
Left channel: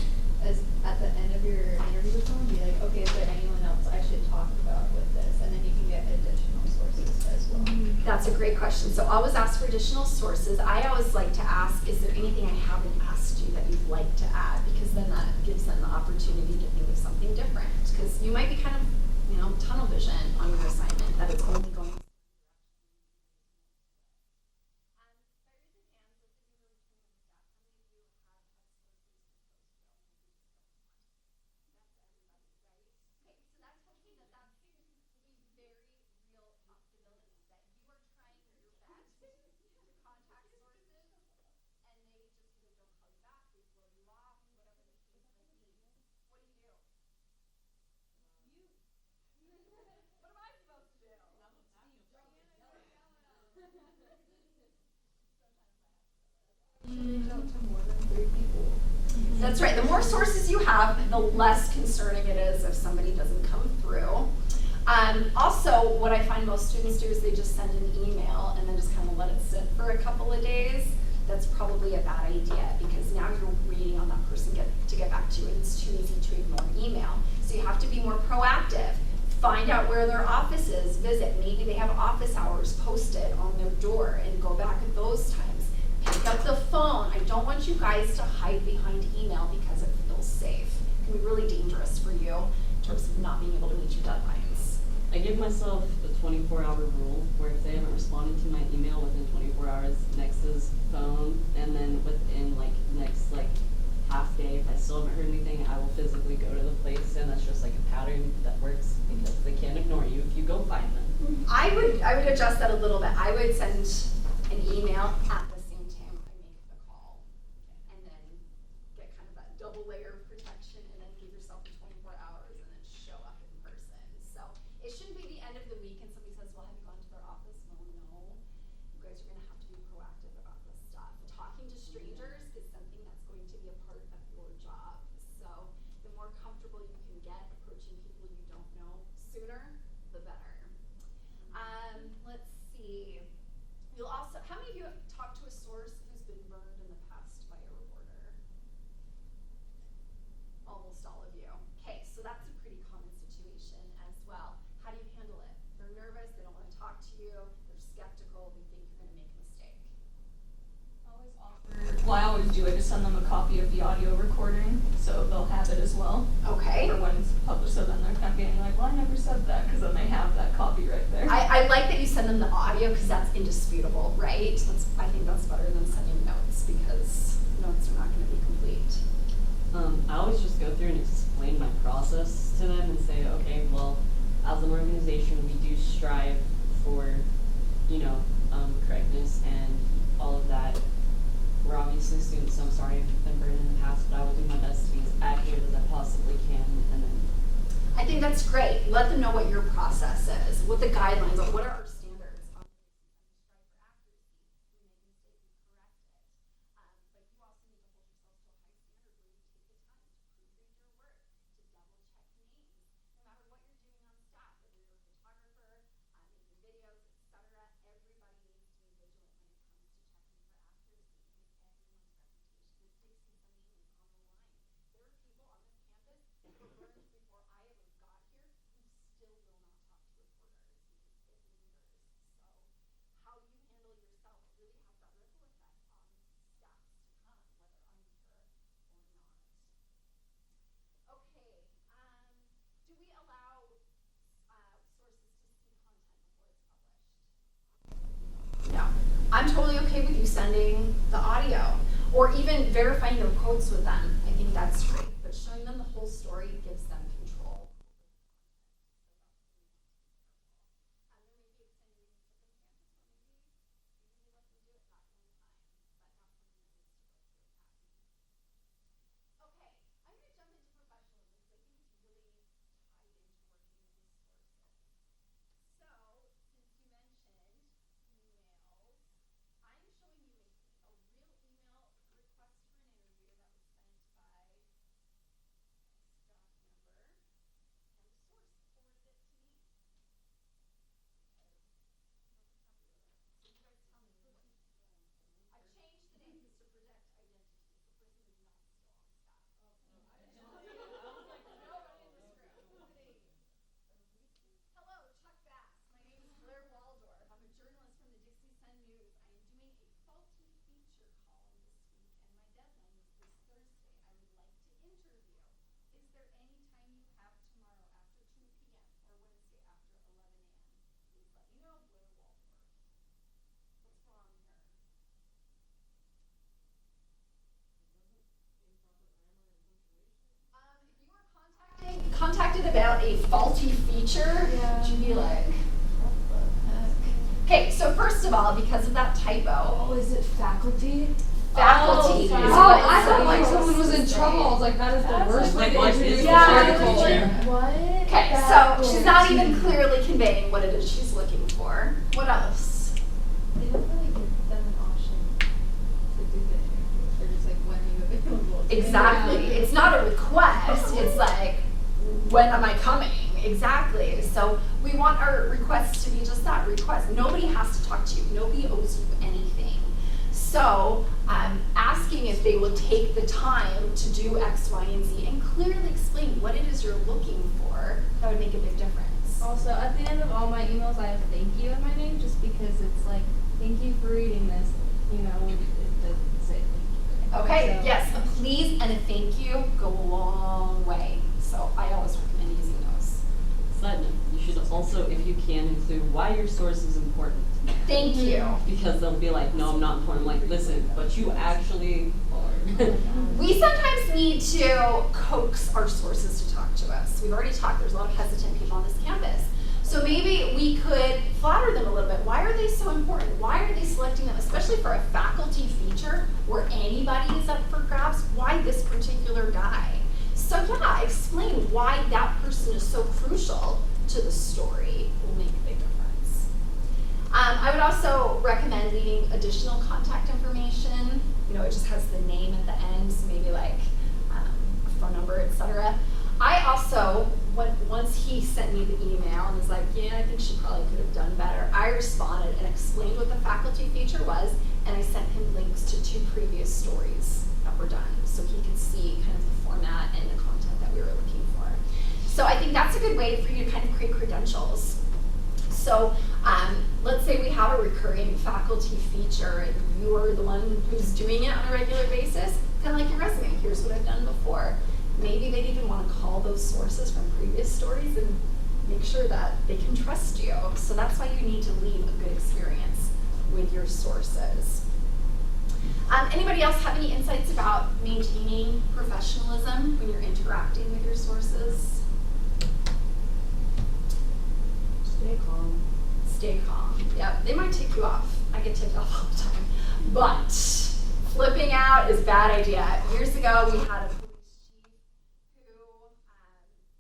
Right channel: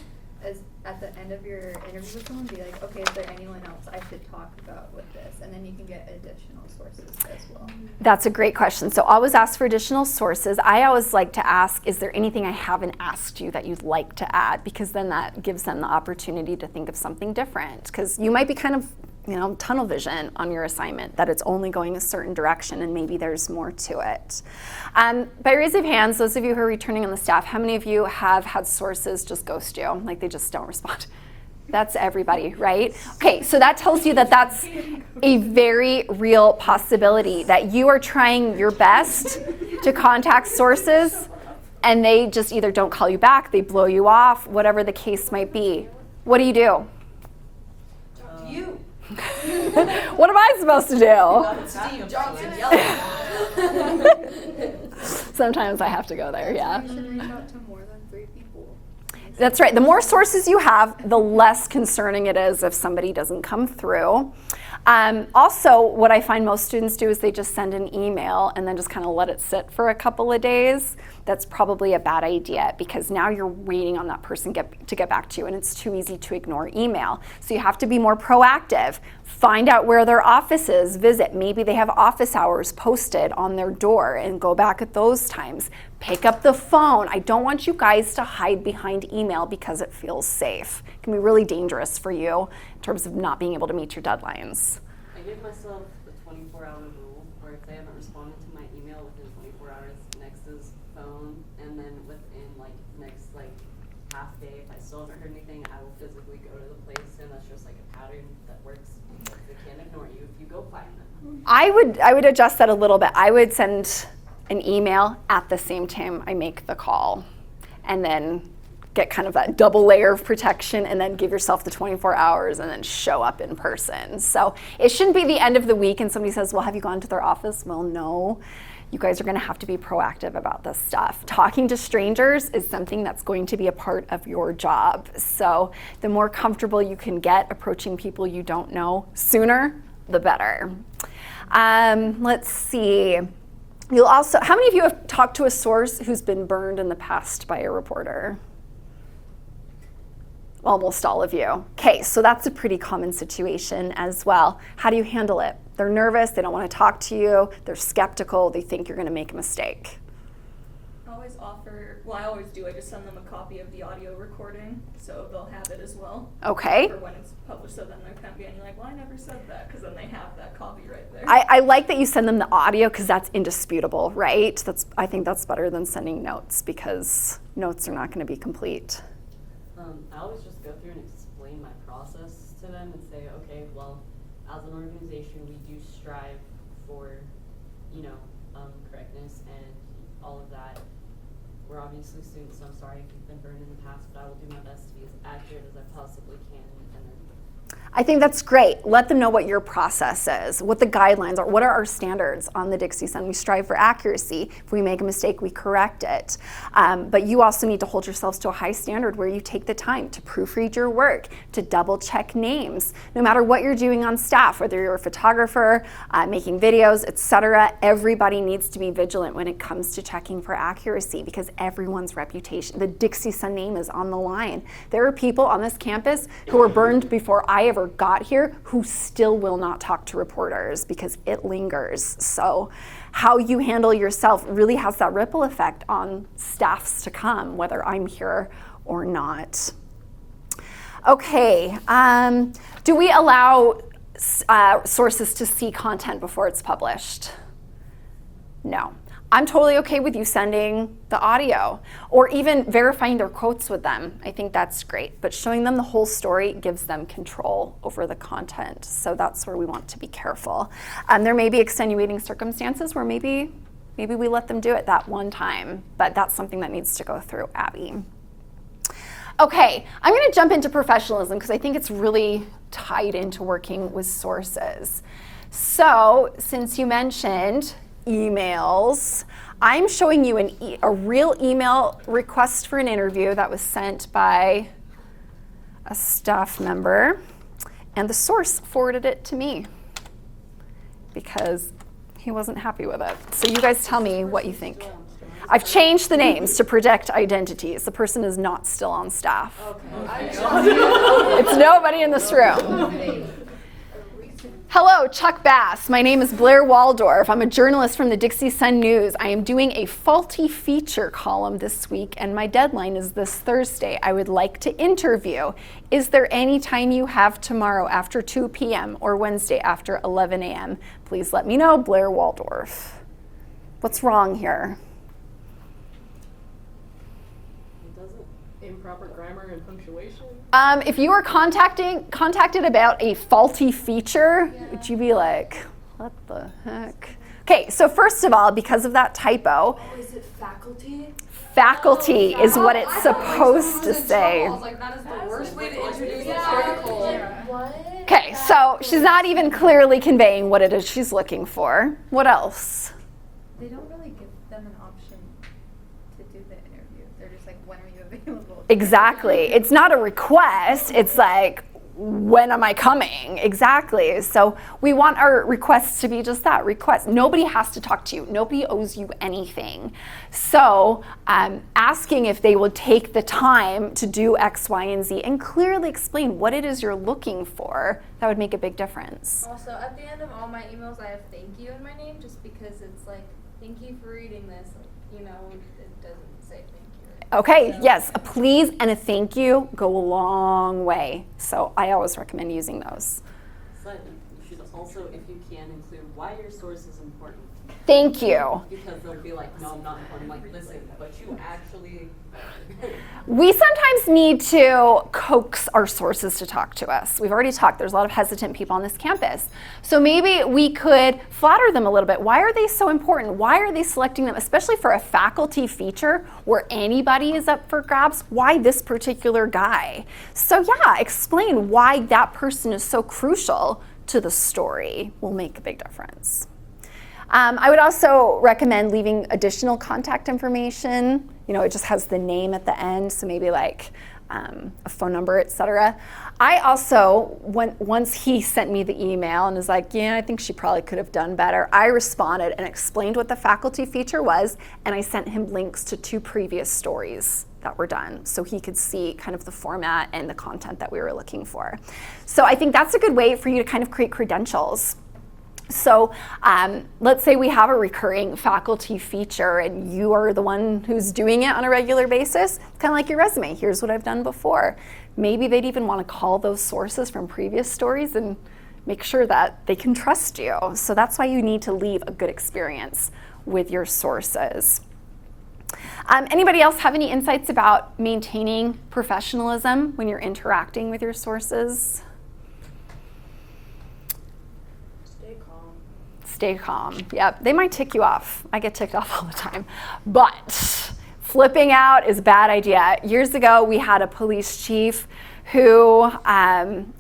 Is at the end of your interview with someone, be like, okay, is there anyone else I should talk about with this? And then you can get additional sources as well. That's a great question. So always ask for additional sources. I always like to ask, is there anything I haven't asked you that you'd like to add? Because then that gives them the opportunity to think of something different. Because you might be kind of tunnel vision on your assignment, that it's only going a certain direction and maybe there's more to it. By raise of hands, those of you who are returning on the staff, how many of you have had sources just ghost you? Like they just don't respond? That's everybody, right? Okay, so that tells you that that's a very real possibility, that you are trying your best to contact sources and they just either don't call you back, they blow you off, whatever the case might be. What do you do? You. What am I supposed to do? Steve Johnson yelling. Sometimes I have to go there, yeah. You should reach out to more than 3 people. That's right. The more sources you have, the less concerning it is if somebody doesn't come through. Also, what I find most students do is they just send an email and then just kind of let it sit for a couple of days. That's probably a bad idea because now you're waiting on that person to get back to you, and it's too easy to ignore email. So you have to be more proactive. Find out where their office is, visit. Maybe they have office hours posted on their door and go back at those times. Pick up the phone. I don't want you guys to hide behind email because it feels safe. It can be really dangerous for you in terms of not being able to meet your deadlines. I give myself a 24-hour rule where if they haven't responded to my email within 24 hours, next is phone, and then within next half day, if I still haven't heard anything, I will physically go to the place, and that's just like a pattern that works because they can't ignore you if you go find them. I would adjust that a little bit. I would send an email at the same time I make the call, and then get kind of that double layer of protection, and then give yourself the 24 hours and then show up in person. So it shouldn't be the end of the week and somebody says, well, have you gone to their office? Well, no. You guys are going to have to be proactive about this stuff. Talking to strangers is something that's going to be a part of your job. So the more comfortable you can get approaching people you don't know sooner, the better. Let's see. You'll also, how many of you have talked to a source who's been burned in the past by a reporter? Almost all of you. Okay, so that's a pretty common situation as well. How do you handle it? They're nervous, they don't want to talk to you, they're skeptical, they think you're going to make a mistake. I always do, I just send them a copy of the audio recording, so they'll have it as well. Okay. For when it's published, so then they're not getting like, well, I never said that, because then they have that copy right there. I like that you send them the audio because that's indisputable, right? I think that's better than sending notes because notes are not going to be complete. I always just go through and explain my process to them and say, okay, well, as an organization, we do strive for, correctness and all of that. We're obviously students, so I'm sorry if you've been burned in the past, but I will do my best to be as accurate as I possibly can. And then I think that's great. Let them know what your process is, what the guidelines are, what are our standards on the Dixie Sun. We strive for accuracy. If we make a mistake, we correct it. But you also need to hold yourselves to a high standard where you take the time to proofread your work, to double check names. No matter what you're doing on staff, whether you're a photographer, making videos, etc., everybody needs to be vigilant when it comes to checking for accuracy because everyone's reputation, the Dixie Sun name is on the line. There are people on this campus who were burned before I ever got here who still will not talk to reporters because it lingers. So how you handle yourself really has that ripple effect on staffs to come, whether I'm here or not. Okay, do we allow sources to see content before it's published? No. I'm totally okay with you sending the audio or even verifying their quotes with them. I think that's great. But showing them the whole story gives them control over the content. So that's where we want to be careful. There may be extenuating circumstances where maybe we let them do it that one time, but that's something that needs to go through Abby. Okay, I'm going to jump into professionalism because I think it's really tied into working with sources. So since you mentioned emails, I'm showing you a real email request for an interview that was sent by a staff member, and the source forwarded it to me because he wasn't happy with it. So you guys tell me what you think. I've changed the names to protect identities. The person is not still on staff. Okay. It's nobody in this room. Hello, Chuck Bass. My name is Blair Waldorf. I'm a journalist from the Dixie Sun News. I am doing a faulty feature column this week, and my deadline is this Thursday. I would like to interview. Is there any time you have tomorrow after 2 p.m. or Wednesday after 11 a.m.? Please let me know, Blair Waldorf. What's wrong here? Improper grammar and punctuation? If you were contacted about a faulty feature, would you be like, what the heck? Okay, so first of all, because of that typo, Oh, is it faculty? faculty is what it's supposed to I say. was like, that is the worst way to like, introduce the yeah. article. What? Okay, so she's not even clearly conveying what it is she's looking for. What else? They don't really give them an option to do the interview. They're just like, when are you available? Exactly. It's not a request. It's like, when am I coming? Exactly. So we want our requests to be just that, request. Nobody has to talk to you. Nobody owes you anything. So asking if they would take the time to do X, Y, and Z and clearly explain what it is you're looking for, that would make a big difference. Also, at the end of all my emails, I have thank you in my name just because it's like, thank you for reading this. You know, it doesn't say thank you. Okay, So- yes, a please and a thank you go a long way. So I always recommend using those. Sudden, you should also, if you can, include why your source is important. Thank you. Because they'll be like, no, I'm not important. Like, listen, but you actually We sometimes need to coax our sources to talk to us. We've already talked, there's a lot of hesitant people on this campus. So maybe we could flatter them a little bit. Why are they so important? Why are they selecting them, especially for a faculty feature where anybody is up for grabs? Why this particular guy? So yeah, explain why that person is so crucial to the story will make a big difference. I would also recommend leaving additional contact information. You know, it just has the name at the end, so maybe like a phone number, etc. I also, once he sent me the email and was like, yeah, I think she probably could have done better, I responded and explained what the faculty feature was, and I sent him links to 2 previous stories that were done so he could see kind of the format and the content that we were looking for. So I think that's a good way for you to kind of create credentials. So let's say we have a recurring faculty feature and you are the one who's doing it on a regular basis, kind of like your resume. Here's what I've done before. Maybe they'd even want to call those sources from previous stories and make sure that they can trust you. So that's why you need to leave a good experience with your sources. Anybody else have any insights about maintaining professionalism when you're interacting with your sources? Stay calm. Yep, they might tick you off. I get ticked off all the time. But flipping out is a bad idea. Years ago, we had a police chief who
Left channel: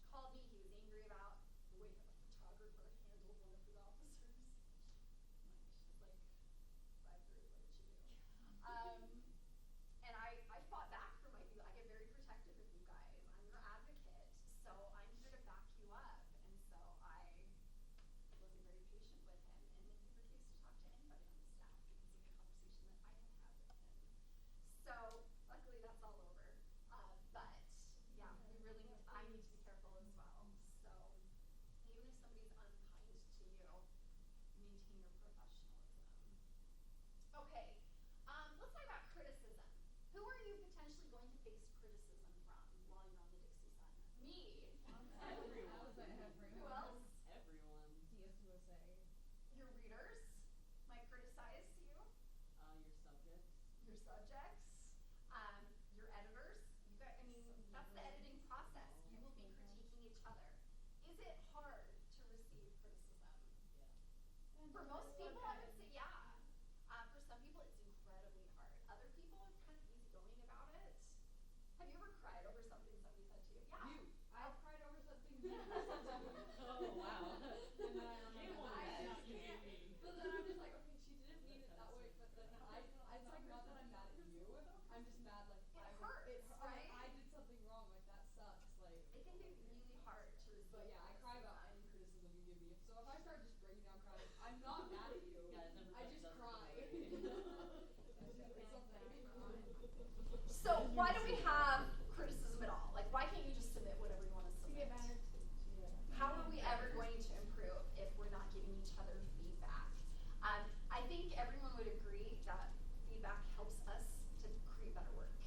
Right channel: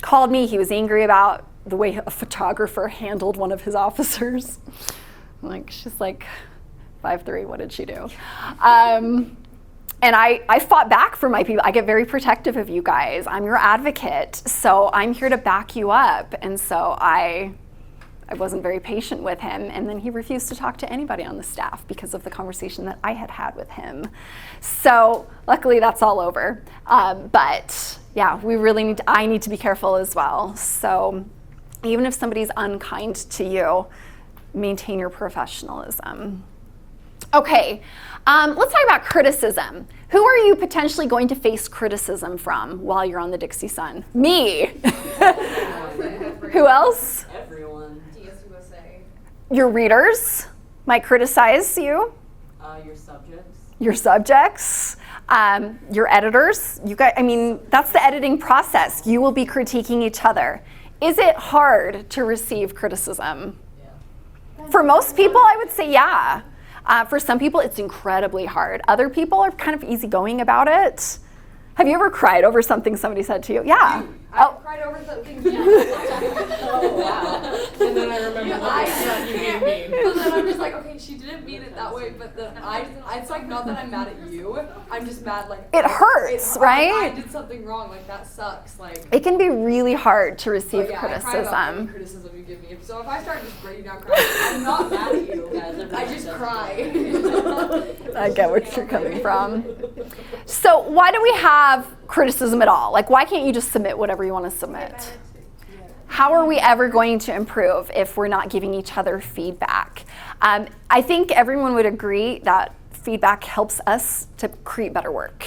called me. He was angry about the way a photographer handled one of his officers. She's like 5'3", what did she do? And I fought back for my people. I get very protective of you guys. I'm your advocate, so I'm here to back you up. And so I wasn't very patient with him, and then he refused to talk to anybody on the staff because of the conversation that I had had with him. So luckily that's all over. But yeah, I need to be careful as well. So even if somebody's unkind to you, maintain your professionalism. Okay, let's talk about criticism. Who are you potentially going to face criticism from while you're on the Dixie Sun? Me. Who else? Everyone. Your readers might criticize you. Your subjects. Your subjects. Your editors. You guys, that's the editing process. You will be critiquing each other. Is it hard to receive criticism? Yeah. For most people, I would say yeah. For some people, it's incredibly hard. Other people are kind of easygoing about it. Have you ever cried over something somebody said to you? Yeah. I cried over something. Oh, wow. And then I remember you made me. But then I'm just like, okay, she didn't mean it that way, but it's like not that I'm mad at you. I'm just mad like it hurts, right? I did something wrong. Like that sucks. Like it can be really hard to receive yeah, criticism. I cry about any criticism you give me. So if I start just breaking down crying, I'm not mad at you. I just cry. I get where you're coming from. So why do we have criticism at all? Like, why can't you just submit whatever you want to submit? How are we ever going to improve if we're not giving each other feedback? I think everyone would agree that feedback helps us to create better work.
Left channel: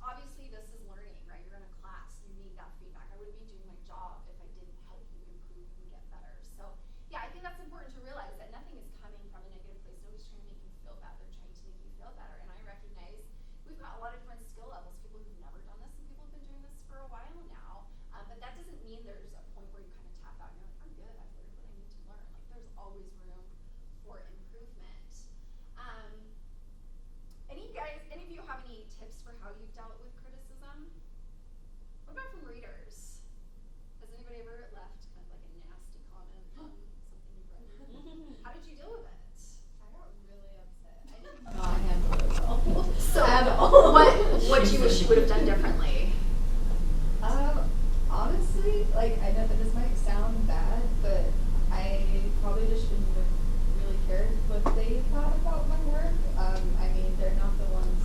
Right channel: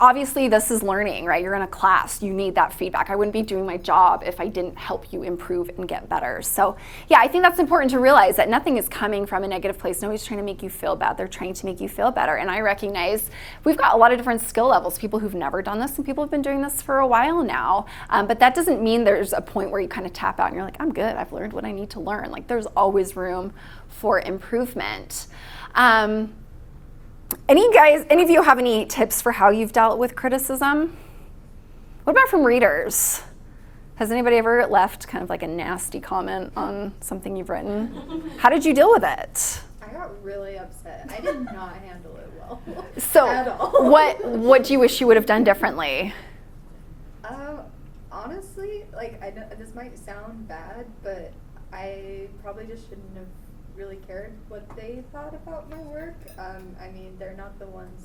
Obviously, this is learning, right? You're in a class, you need that feedback. I wouldn't be doing my job if I didn't help you improve and get better. So yeah, I think that's important to realize that nothing is coming from a negative place. Nobody's trying to make you feel bad. They're trying to make you feel better. And I recognize we've got a lot of different skill levels, people who've never done this and people who've been doing this for a while now. But that doesn't mean there's a point where you kind of tap out and you're like, I'm good, I've learned what I need to learn. Like there's always room for improvement. Any of you have any tips for how you've dealt with criticism? What about from readers? Has anybody ever left kind of like a nasty comment on something you've written? How did you deal with it? I got really upset. I did not handle it well. So what do you wish you would have done differently? Honestly, like I know this might sound bad, but I probably just shouldn't have really cared what they thought about my work. They're not the ones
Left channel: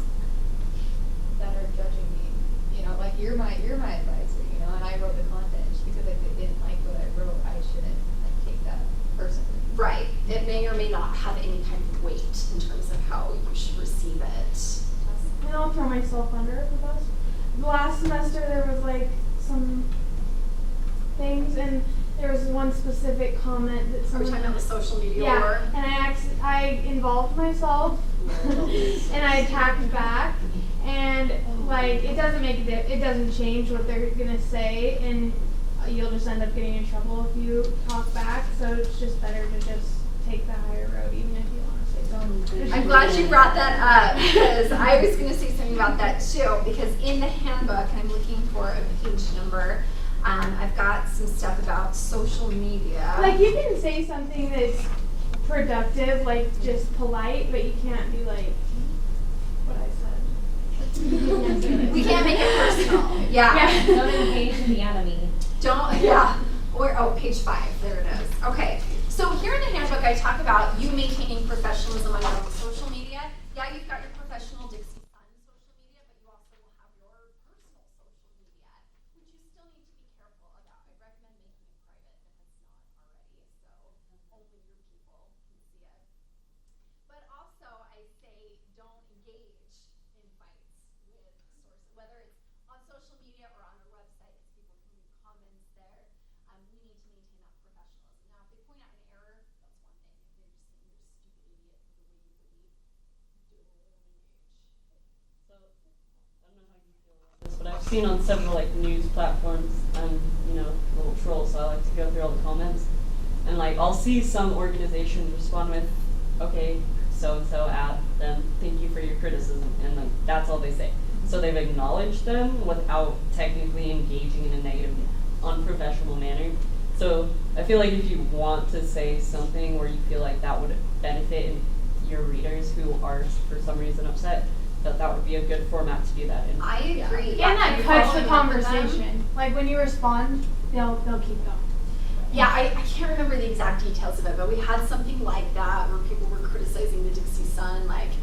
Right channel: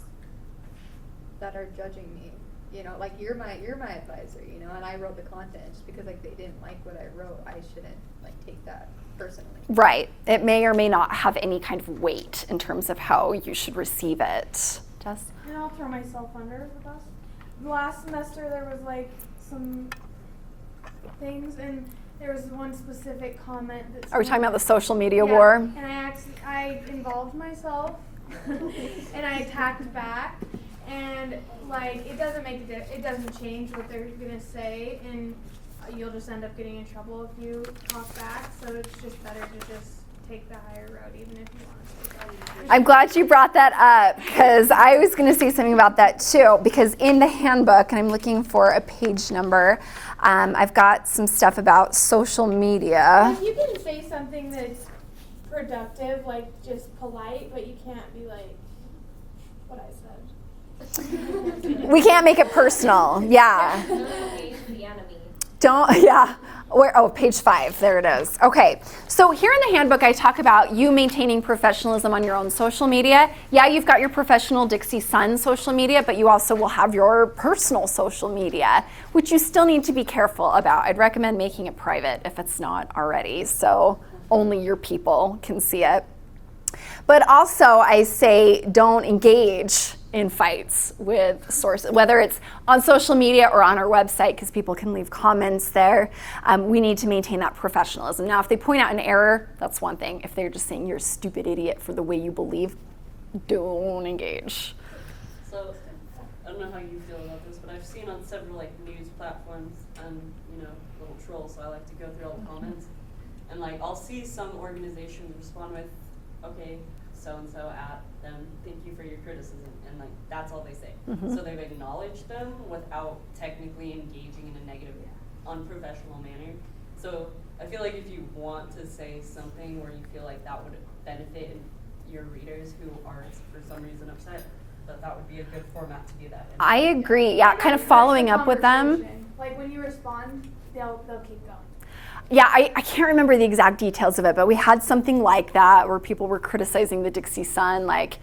that are judging me. Like you're my advisor, and I wrote the content. Just because like they didn't like what I wrote, I shouldn't like take that personally. Right. It may or may not have any kind of weight in terms of how you should receive it. Jess? And I'll throw myself under the bus. The last semester there was like some things, and there was one specific comment that Are we talking about the social media yeah, war? And I involved myself and I attacked back, and like it doesn't change what they're gonna say, and you'll just end up getting in trouble if you talk back. So it's just better to just take the higher road, even if you want to say something. I'm glad you brought that up because I was going to say something about that too. Because in the handbook, and I'm looking for a page number, I've got some stuff about social media. Like you can say something that's productive, like just polite, but you can't be like what I said. We can't make it personal. Yeah. Don't engage in the enemy. Don't, yeah. Page 5, there it is. Okay, so here in the handbook I talk about you maintaining professionalism on your own social media. Yeah, you've got your professional Dixie Sun social media, but you also will have your personal social media, which you still need to be careful about. I'd recommend making it private if it's not already, so only your people can see it. But also I say don't engage in fights with sources, whether it's on social media or on our website, because people can leave comments there. We need to maintain that professionalism. Now, if they point out an error, that's one thing. If they're just saying you're a stupid idiot for the way you believe, don't engage. So, I don't know how you feel about this, but I've seen on several like news platforms and little trolls, so I like to go through all the comments. And like I'll see some organizations respond with, okay, so-and-so at them, thank you for your criticism, and like that's all they say. Mm-hmm. So they've acknowledged them without technically engaging in a negative, unprofessional manner. So I feel like if you want to say something where you feel like that would benefit your readers who are for some reason upset, that would be a good format to do that in. I agree, yeah, And kind of that following fresh up with them. conversation. Like when you respond, they'll keep going. Yeah, I can't remember the exact details of it, but we had something like that where people were criticizing the Dixie Sun, like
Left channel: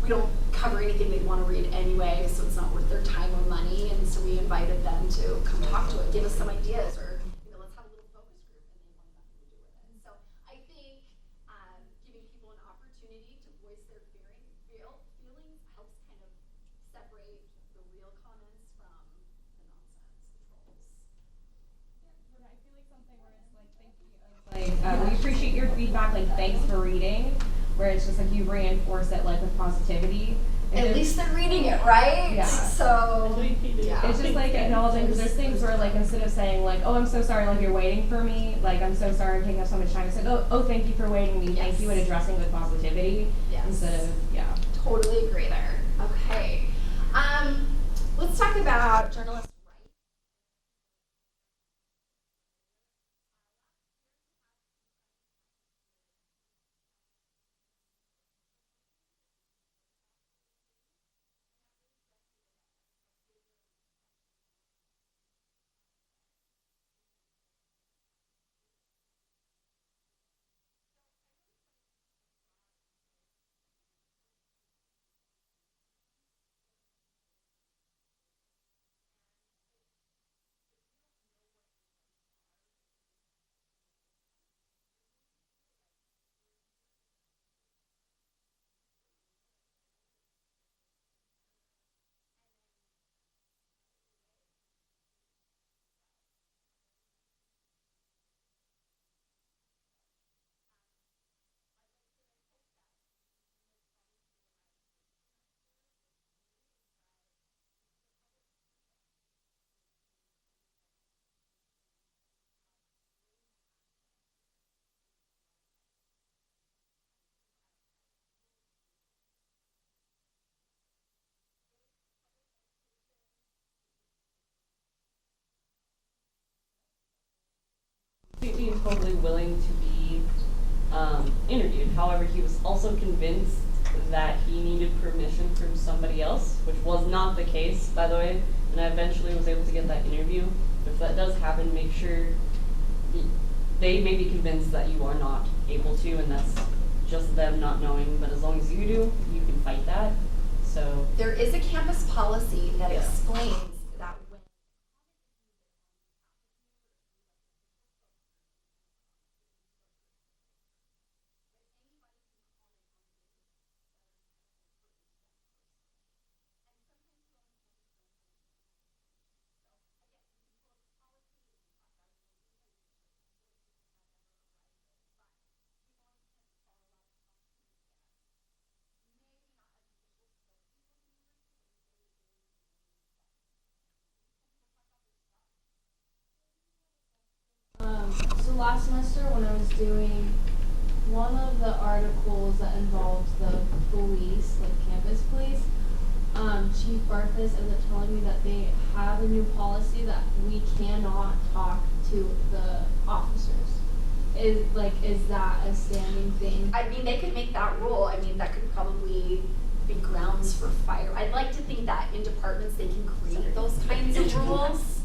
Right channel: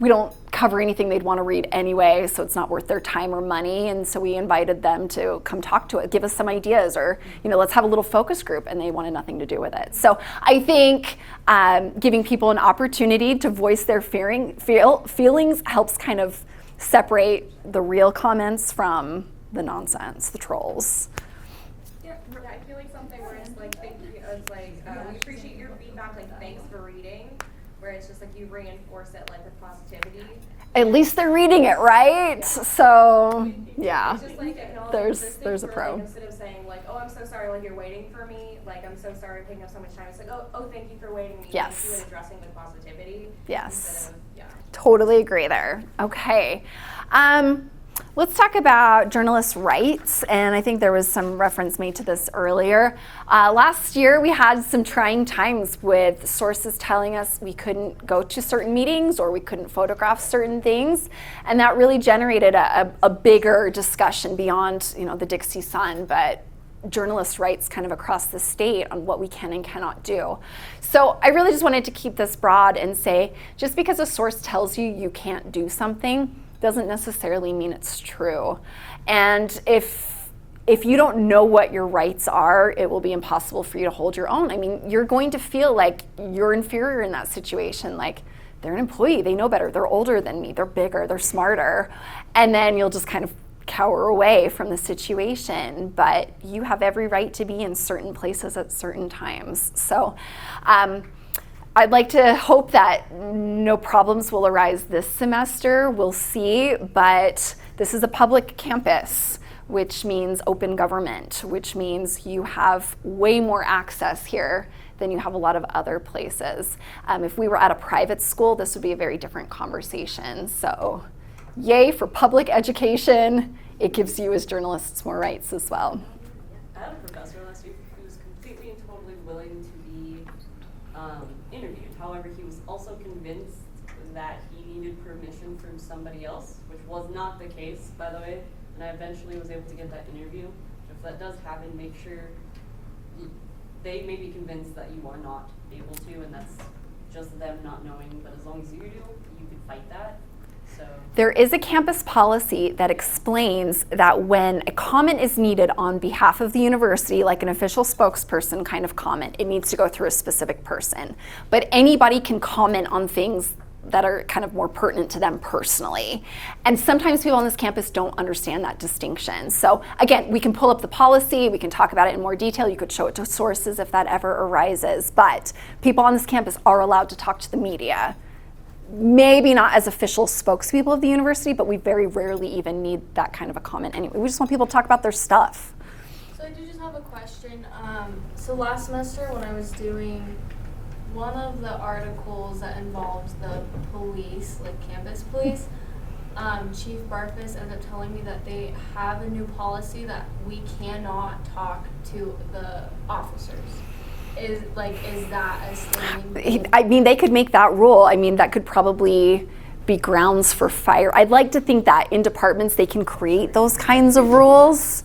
we don't cover anything they'd want to read anyway, so it's not worth their time or money, and so we invited them to come talk to it, give us some ideas, or let's have a little focus group, and they wanted nothing to do with it. So I think giving people an opportunity to voice their feelings helps kind of separate the real comments from the nonsense, the trolls. I feel like something where it's like, thank you, it's like, we appreciate your feedback, like, thanks for reading, where it's just like you reinforce it like with positivity. At least they're reading it, right? Yeah. So, yeah. It's just like, there's things where like, instead of saying like, oh, I'm so sorry, like you're waiting for me, like I'm so sorry I'm taking up so much time, it's like, oh, thank you for waiting me, Yes. thank you, and addressing with positivity. Yes. Instead of, yeah. Totally agree there. Okay. Let's talk about journalists' rights, and I think there was some reference made to this earlier. Last year we had some trying times with sources telling us we couldn't go to certain meetings or we couldn't photograph certain things, and that really generated a bigger discussion beyond the Dixie Sun, but journalists' rights kind of across the state on what we can and cannot do. So I really just wanted to keep this broad and say, just because a source tells you you can't do something doesn't necessarily mean it's true. And if you don't know what your rights are, it will be impossible for you to hold your own. I mean, you're going to feel like you're inferior in that situation. Like, they're an employee, they know better, they're older than me, they're bigger, they're smarter. And then you'll just kind of cower away from the situation. But you have every right to be in certain places at certain times. So, I'd like to hope that no problems will arise this semester. We'll see, but this is a public campus, which means open government, which means you have way more access here than you have a lot of other places. If we were at a private school, this would be a very different conversation. So, yay for public education. It gives you as journalists more rights as well. I had a professor last week who was completely and totally willing to be interviewed. However, he was also convinced that he needed permission from somebody else, which was not the case, by the way, and I eventually was able to get that interview. If that does happen, make sure they may be convinced that you are not able to, and that's just them not knowing, but as long as you do, you can fight that. So there is a campus policy that explains that when a comment is needed on behalf of the university, like an official spokesperson kind of comment, it needs to go through a specific person. But anybody can comment on things that are kind of more pertinent to them personally. And sometimes people on this campus don't understand that distinction. So again, we can pull up the policy, we can talk about it in more detail, you could show it to sources if that ever arises, but people on this campus are allowed to talk to the media. Maybe not as official spokespeople of the university, but we very rarely even need that kind of a comment anyway. We just want people to talk about their stuff. So I do just have a question. So last semester when I was doing one of the articles that involves the police, like campus police, Chief Barfus ended up telling me that they have a new policy that we cannot talk to the officers. Is that a standing thing? I mean, they could make that rule. I mean, that could probably be grounds for fire. I'd like to think that in departments they can create those kinds of rules.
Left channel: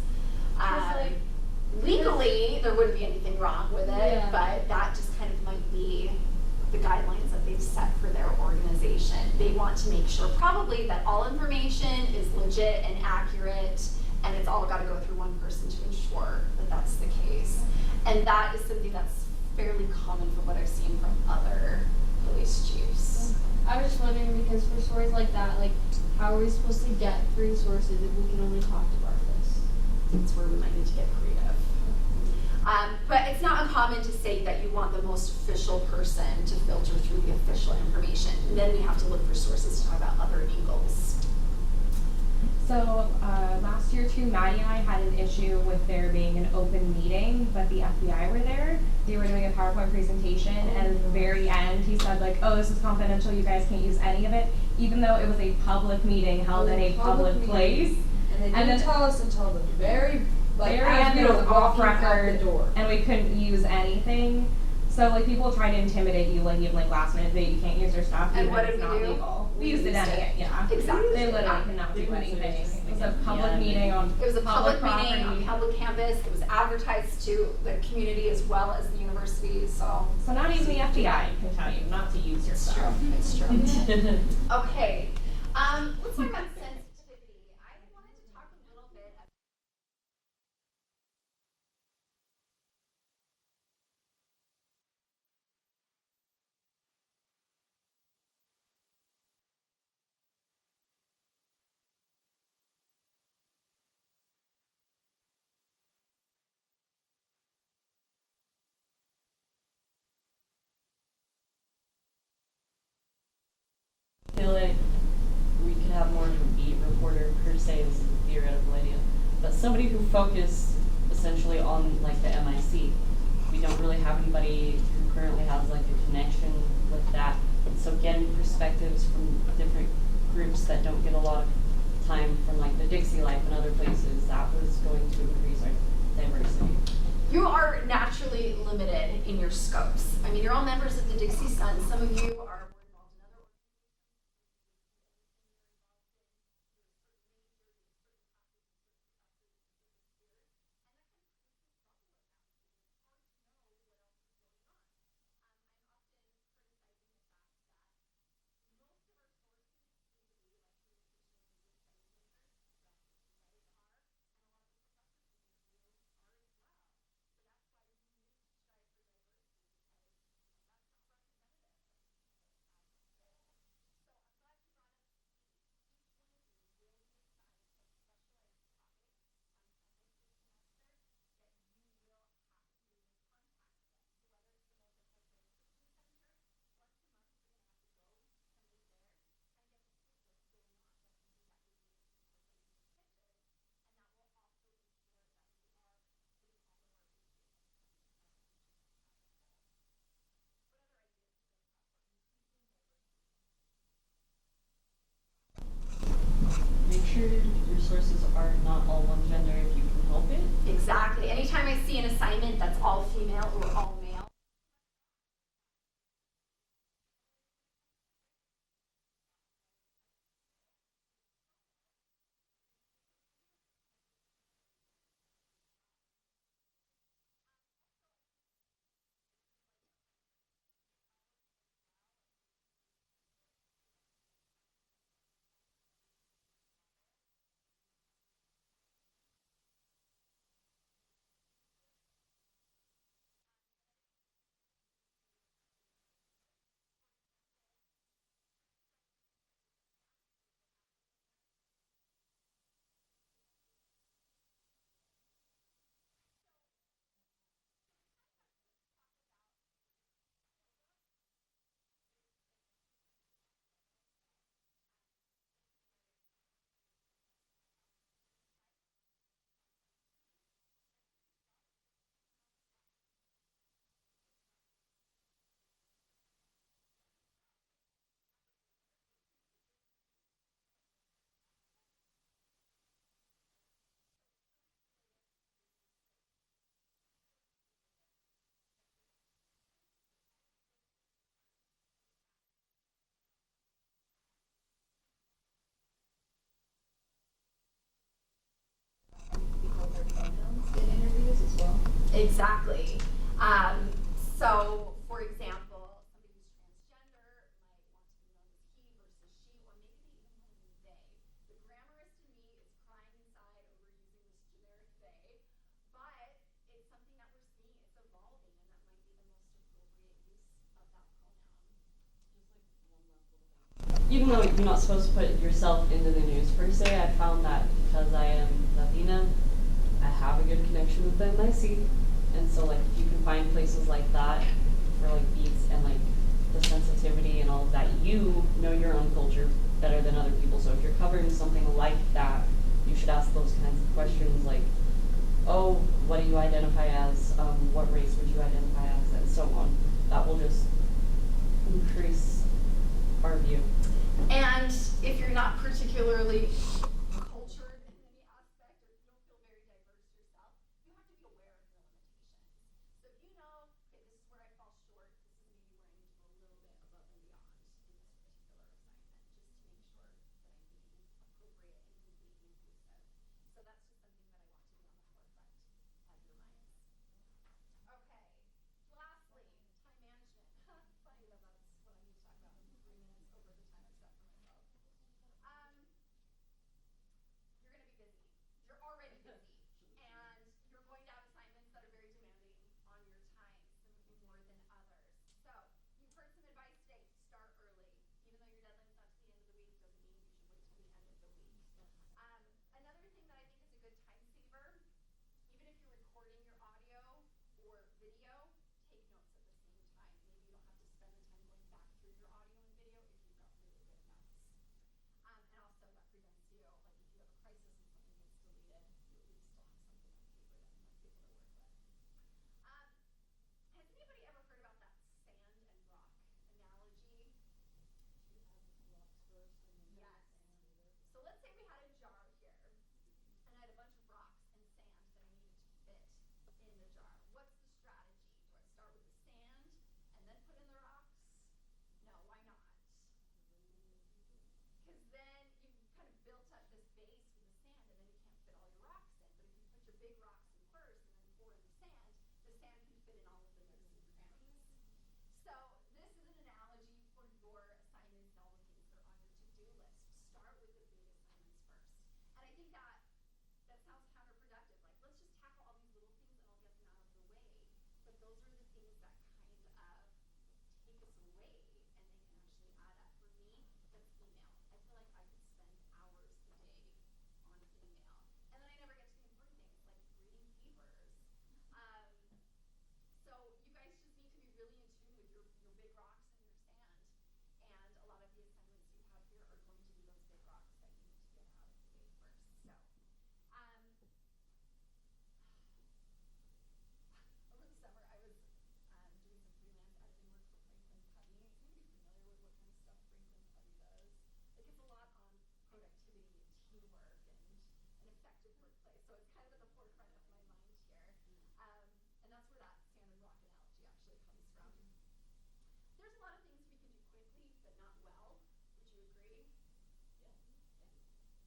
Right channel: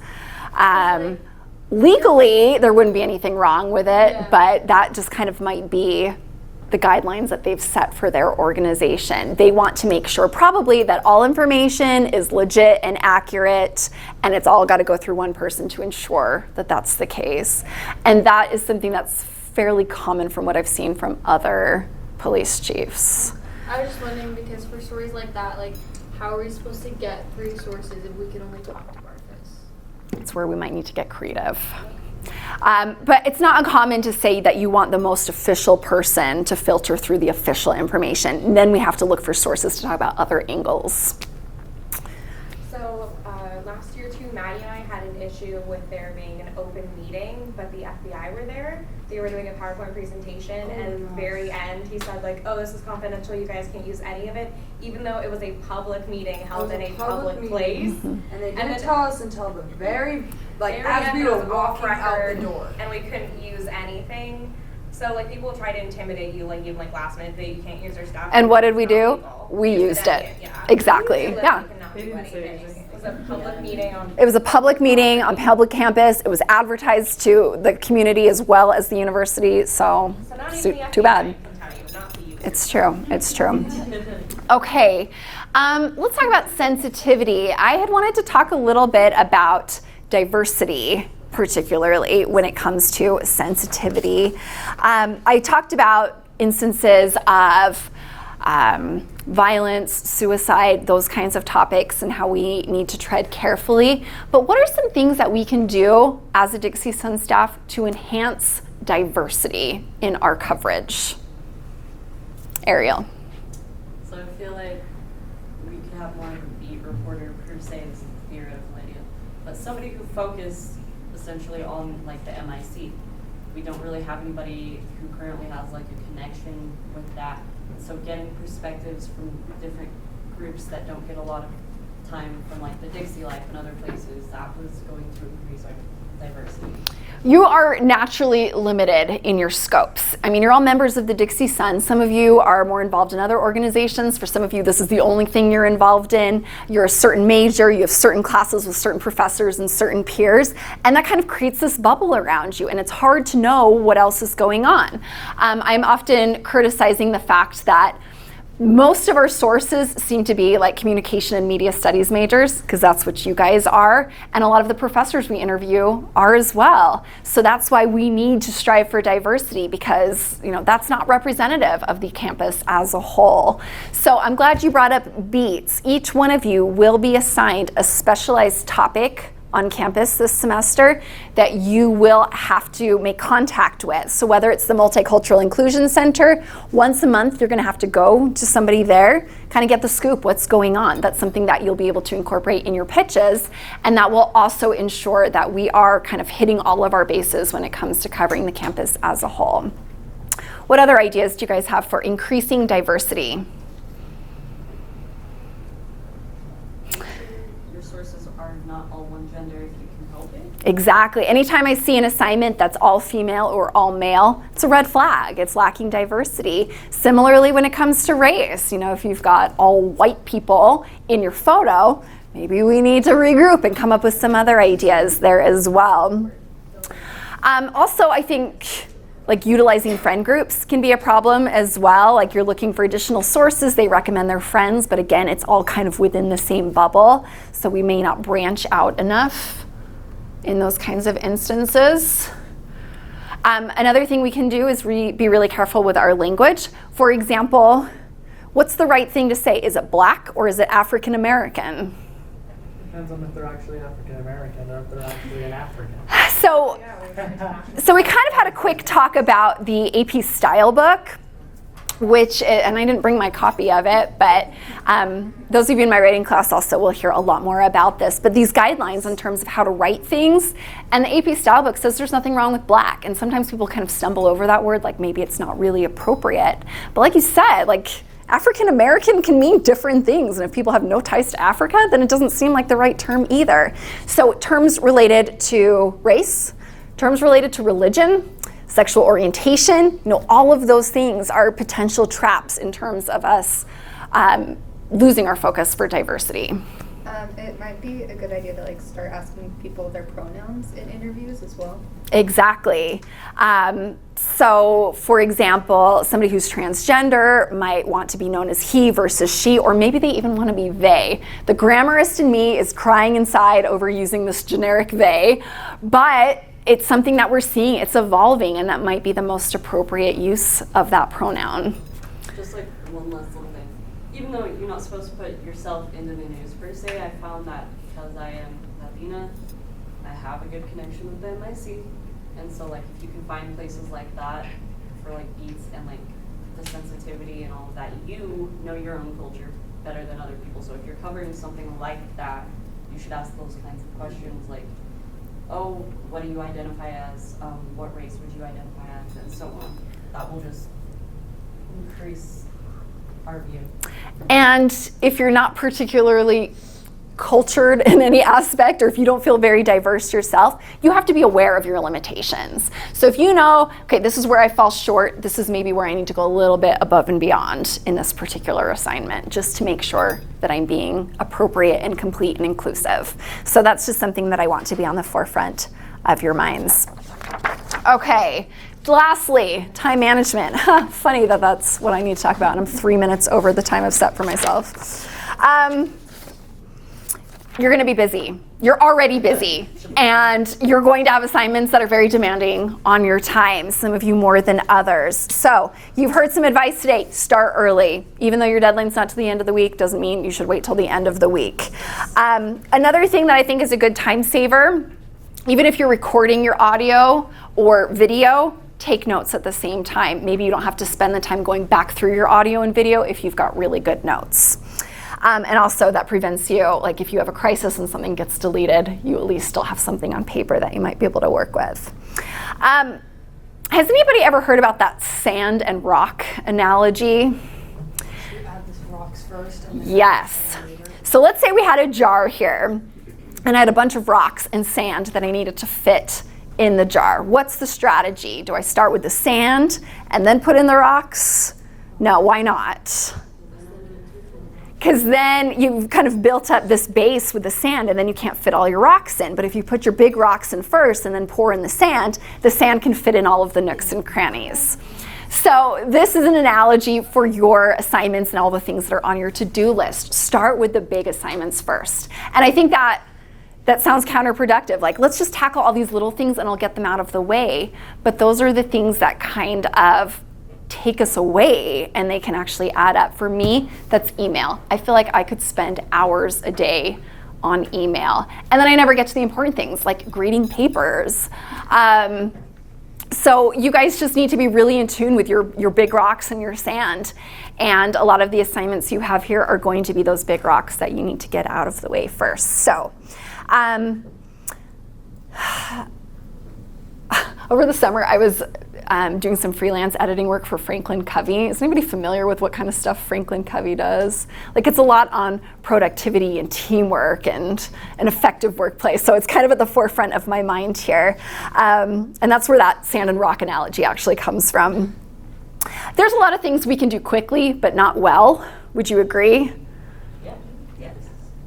Legally, there wouldn't be anything wrong with it, but that just kind of might be the guidelines that they've set for their organization. They want to make sure probably that all information is legit and accurate, and it's all got to go through one person to ensure that that's the case. And that is something that's fairly common from what I've seen from other police chiefs. I was just wondering, because for stories like that, like, how are we supposed to get resources if we can only talk to Arthas? It's where we might need to get creative. But it's not uncommon to say that you want the most official person to filter through the official information. And then we have to look for sources to talk about other angles. So last year too, Maddie and I had an issue with there being an open meeting, but the FBI were there. They were doing a PowerPoint presentation, and at the very end, he said like, "Oh, this is confidential. You guys can't use any of it," even though it was a public meeting held in a public place. And they didn't tell us until the very very as end we were of off walking out record, the door. and we couldn't use anything. So like people try to intimidate you, like even like last minute that you can't use your stuff. And what did we do? People. We used it. Yeah. Exactly. They literally Yeah. cannot do anything. It was a public meeting on. It was a public meeting on public campus. It was advertised to the community as well as the university. So not even the too FBI bad. can tell you not to use It's true. It's true. Okay. Let's talk about sensitivity. I had wanted to talk a little bit about diversity, particularly when it comes to sensitivity. I talked about instances of violence, suicide, those kinds of topics, and how we need to tread carefully. But what are some things that we can do as a Dixie Sun staff to enhance diversity in our coverage? Ariel. So I feel like we could have more of a beat reporter per se, is a theoretical idea, but somebody who focused essentially on like the MIC. We don't really have anybody who currently has like a connection with that. So getting perspectives from different groups that don't get a lot of time from like the Dixie Life and other places, that was going to increase our diversity. You are naturally limited in your scopes. I mean, you're all members of the Dixie Sun. Some of you are more involved in other organizations. For some of you, this is the only thing you're involved in. You're a certain major, you have certain classes with certain professors and certain peers, and that kind of creates this bubble around you, and it's hard to know what else is going on. I'm often criticizing the fact that most of our sources seem to be like communication and media studies majors, because that's what you guys are, and a lot of the professors we interview are as well. So that's why we need to strive for diversity, because that's not representative of the campus as a whole. So I'm glad you brought up beats. Each one of you will be assigned a specialized topic on campus this semester that you will have to make contact with. So whether it's the Multicultural Inclusion Center, once a month you're going to have to go to somebody there, kind of get the scoop, what's going on. That's something that you'll be able to incorporate in your pitches, and that will also ensure that we are kind of hitting all of our bases when it comes to covering the campus as a whole. What other ideas do you guys have for increasing diversity? Exactly. Anytime I see an assignment that's all female or all male, it's a red flag. It's lacking diversity. Similarly, when it comes to race, if you've got all white people in your photo, maybe we need to regroup and come up with some other ideas there as well. Also, I think like utilizing friend groups can be a problem as well. Like you're looking for additional sources, they recommend their friends, but again, it's all kind of within the same bubble, so we may not branch out enough in those kinds of instances. Another thing we can do is be really careful with our language. For example, what's the right thing to say? Is it black or is it African American? Depends on if they're actually African American or if they're actually an African. So we kind of had a quick talk about the AP style book, and I didn't bring my copy of it, but those of you in my writing class also will hear a lot more about this. But these guidelines in terms of how to write things, and the AP style book says there's nothing wrong with black, and sometimes people kind of stumble over that word, like maybe it's not really appropriate. But like you said, like African American can mean different things, and if people have no ties to Africa, then it doesn't seem like the right term either. So terms related to race, terms related to religion, sexual orientation, all of those things are potential traps in terms of us losing our focus for diversity. It might be a good idea to like start asking people their pronouns in interviews as well. Exactly. So, for example, somebody who's transgender might want to be known as he versus she, or maybe they even want to be they. The grammarist in me is crying inside over using this generic they, but it's something that we're seeing, it's evolving, and that might be the most appropriate use of that pronoun. Just like one last little thing. Even though you're not supposed to put yourself into the news per se, I found that because I am Latina, I have a good connection with the NIC. And so like you can find places like that for like beats and like the sensitivity and all of that. You know your own culture better than other people. So if you're covered in something like that, you should ask those kinds of questions like, oh, what do you identify as? What race would you identify as? And so on. That will just increase our view. And if you're not particularly cultured in any aspect, or if you don't feel very diverse yourself, you have to be aware of your limitations. So if you know, okay, this is where I fall short, this is maybe where I need to go a little bit above and beyond in this particular assignment, just to make sure that I'm being appropriate and complete and inclusive. So that's just something that I want to be on the forefront of your minds. Okay, lastly, time management. Funny that that's what I need to talk about, and I'm 3 minutes over the time I've set for myself. You're going to be busy. You're already busy, and you're going to have assignments that are very demanding on your time, some of you more than others. So you've heard some advice today. Start early. Even though your deadline's not to the end of the week, doesn't mean you should wait till the end of the week. Another thing that I think is a good time saver, even if you're recording your audio or video, take notes at the same time. Maybe you don't have to spend the time going back through your audio and video if you've got really good notes. And also that prevents you, like if you have a crisis and something gets deleted, you at least still have something on paper that you might be able to work with. Has anybody ever heard about that sand and rock analogy? Should we add this rocks first? And then Yes. So let's say we had a jar here, and I had a bunch of rocks and sand that I needed to fit in the jar. What's the strategy? Do I start with the sand and then put in the rocks? No, why not? Because then you've kind of built up this base with the sand, and then you can't fit all your rocks in. But if you put your big rocks in first and then pour in the sand can fit in all of the nooks and crannies. So this is an analogy for your assignments and all the things that are on your to-do list. Start with the big assignments first. And I think that sounds counterproductive. Like, let's just tackle all these little things and I'll get them out of the way. But those are the things that kind of take us away, and they can actually add up. For me, that's email. I feel like I could spend hours a day on email, and then I never get to the important things like grading papers. So you guys just need to be really in tune with your big rocks and your sand, and a lot of the assignments you have here are going to be those big rocks that you need to get out of the way first. So over the summer, I was doing some freelance editing work for Franklin Covey. Is anybody familiar with what kind of stuff Franklin Covey does? Like, it's a lot on productivity and teamwork and an effective workplace. So it's kind of at the forefront of my mind here. And that's where that sand and rock analogy actually comes from. There's a lot of things we can do quickly, but not well. Would you agree?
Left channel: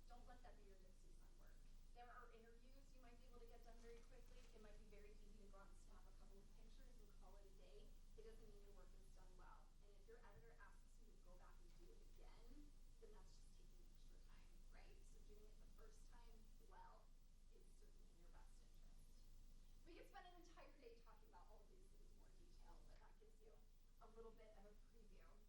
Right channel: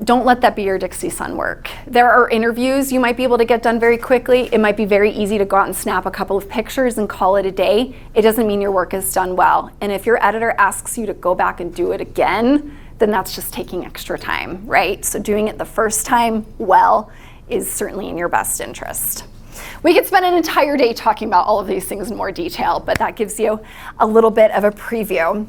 Don't let that be your Dixie Sun work. There are interviews you might be able to get done very quickly. It might be very easy to go out and snap a couple of pictures and call it a day. It doesn't mean your work is done well. And if your editor asks you to go back and do it again, then that's just taking extra time, right? So doing it the first time well is certainly in your best interest. We could spend an entire day talking about all of these things in more detail, but that gives you a little bit of a preview.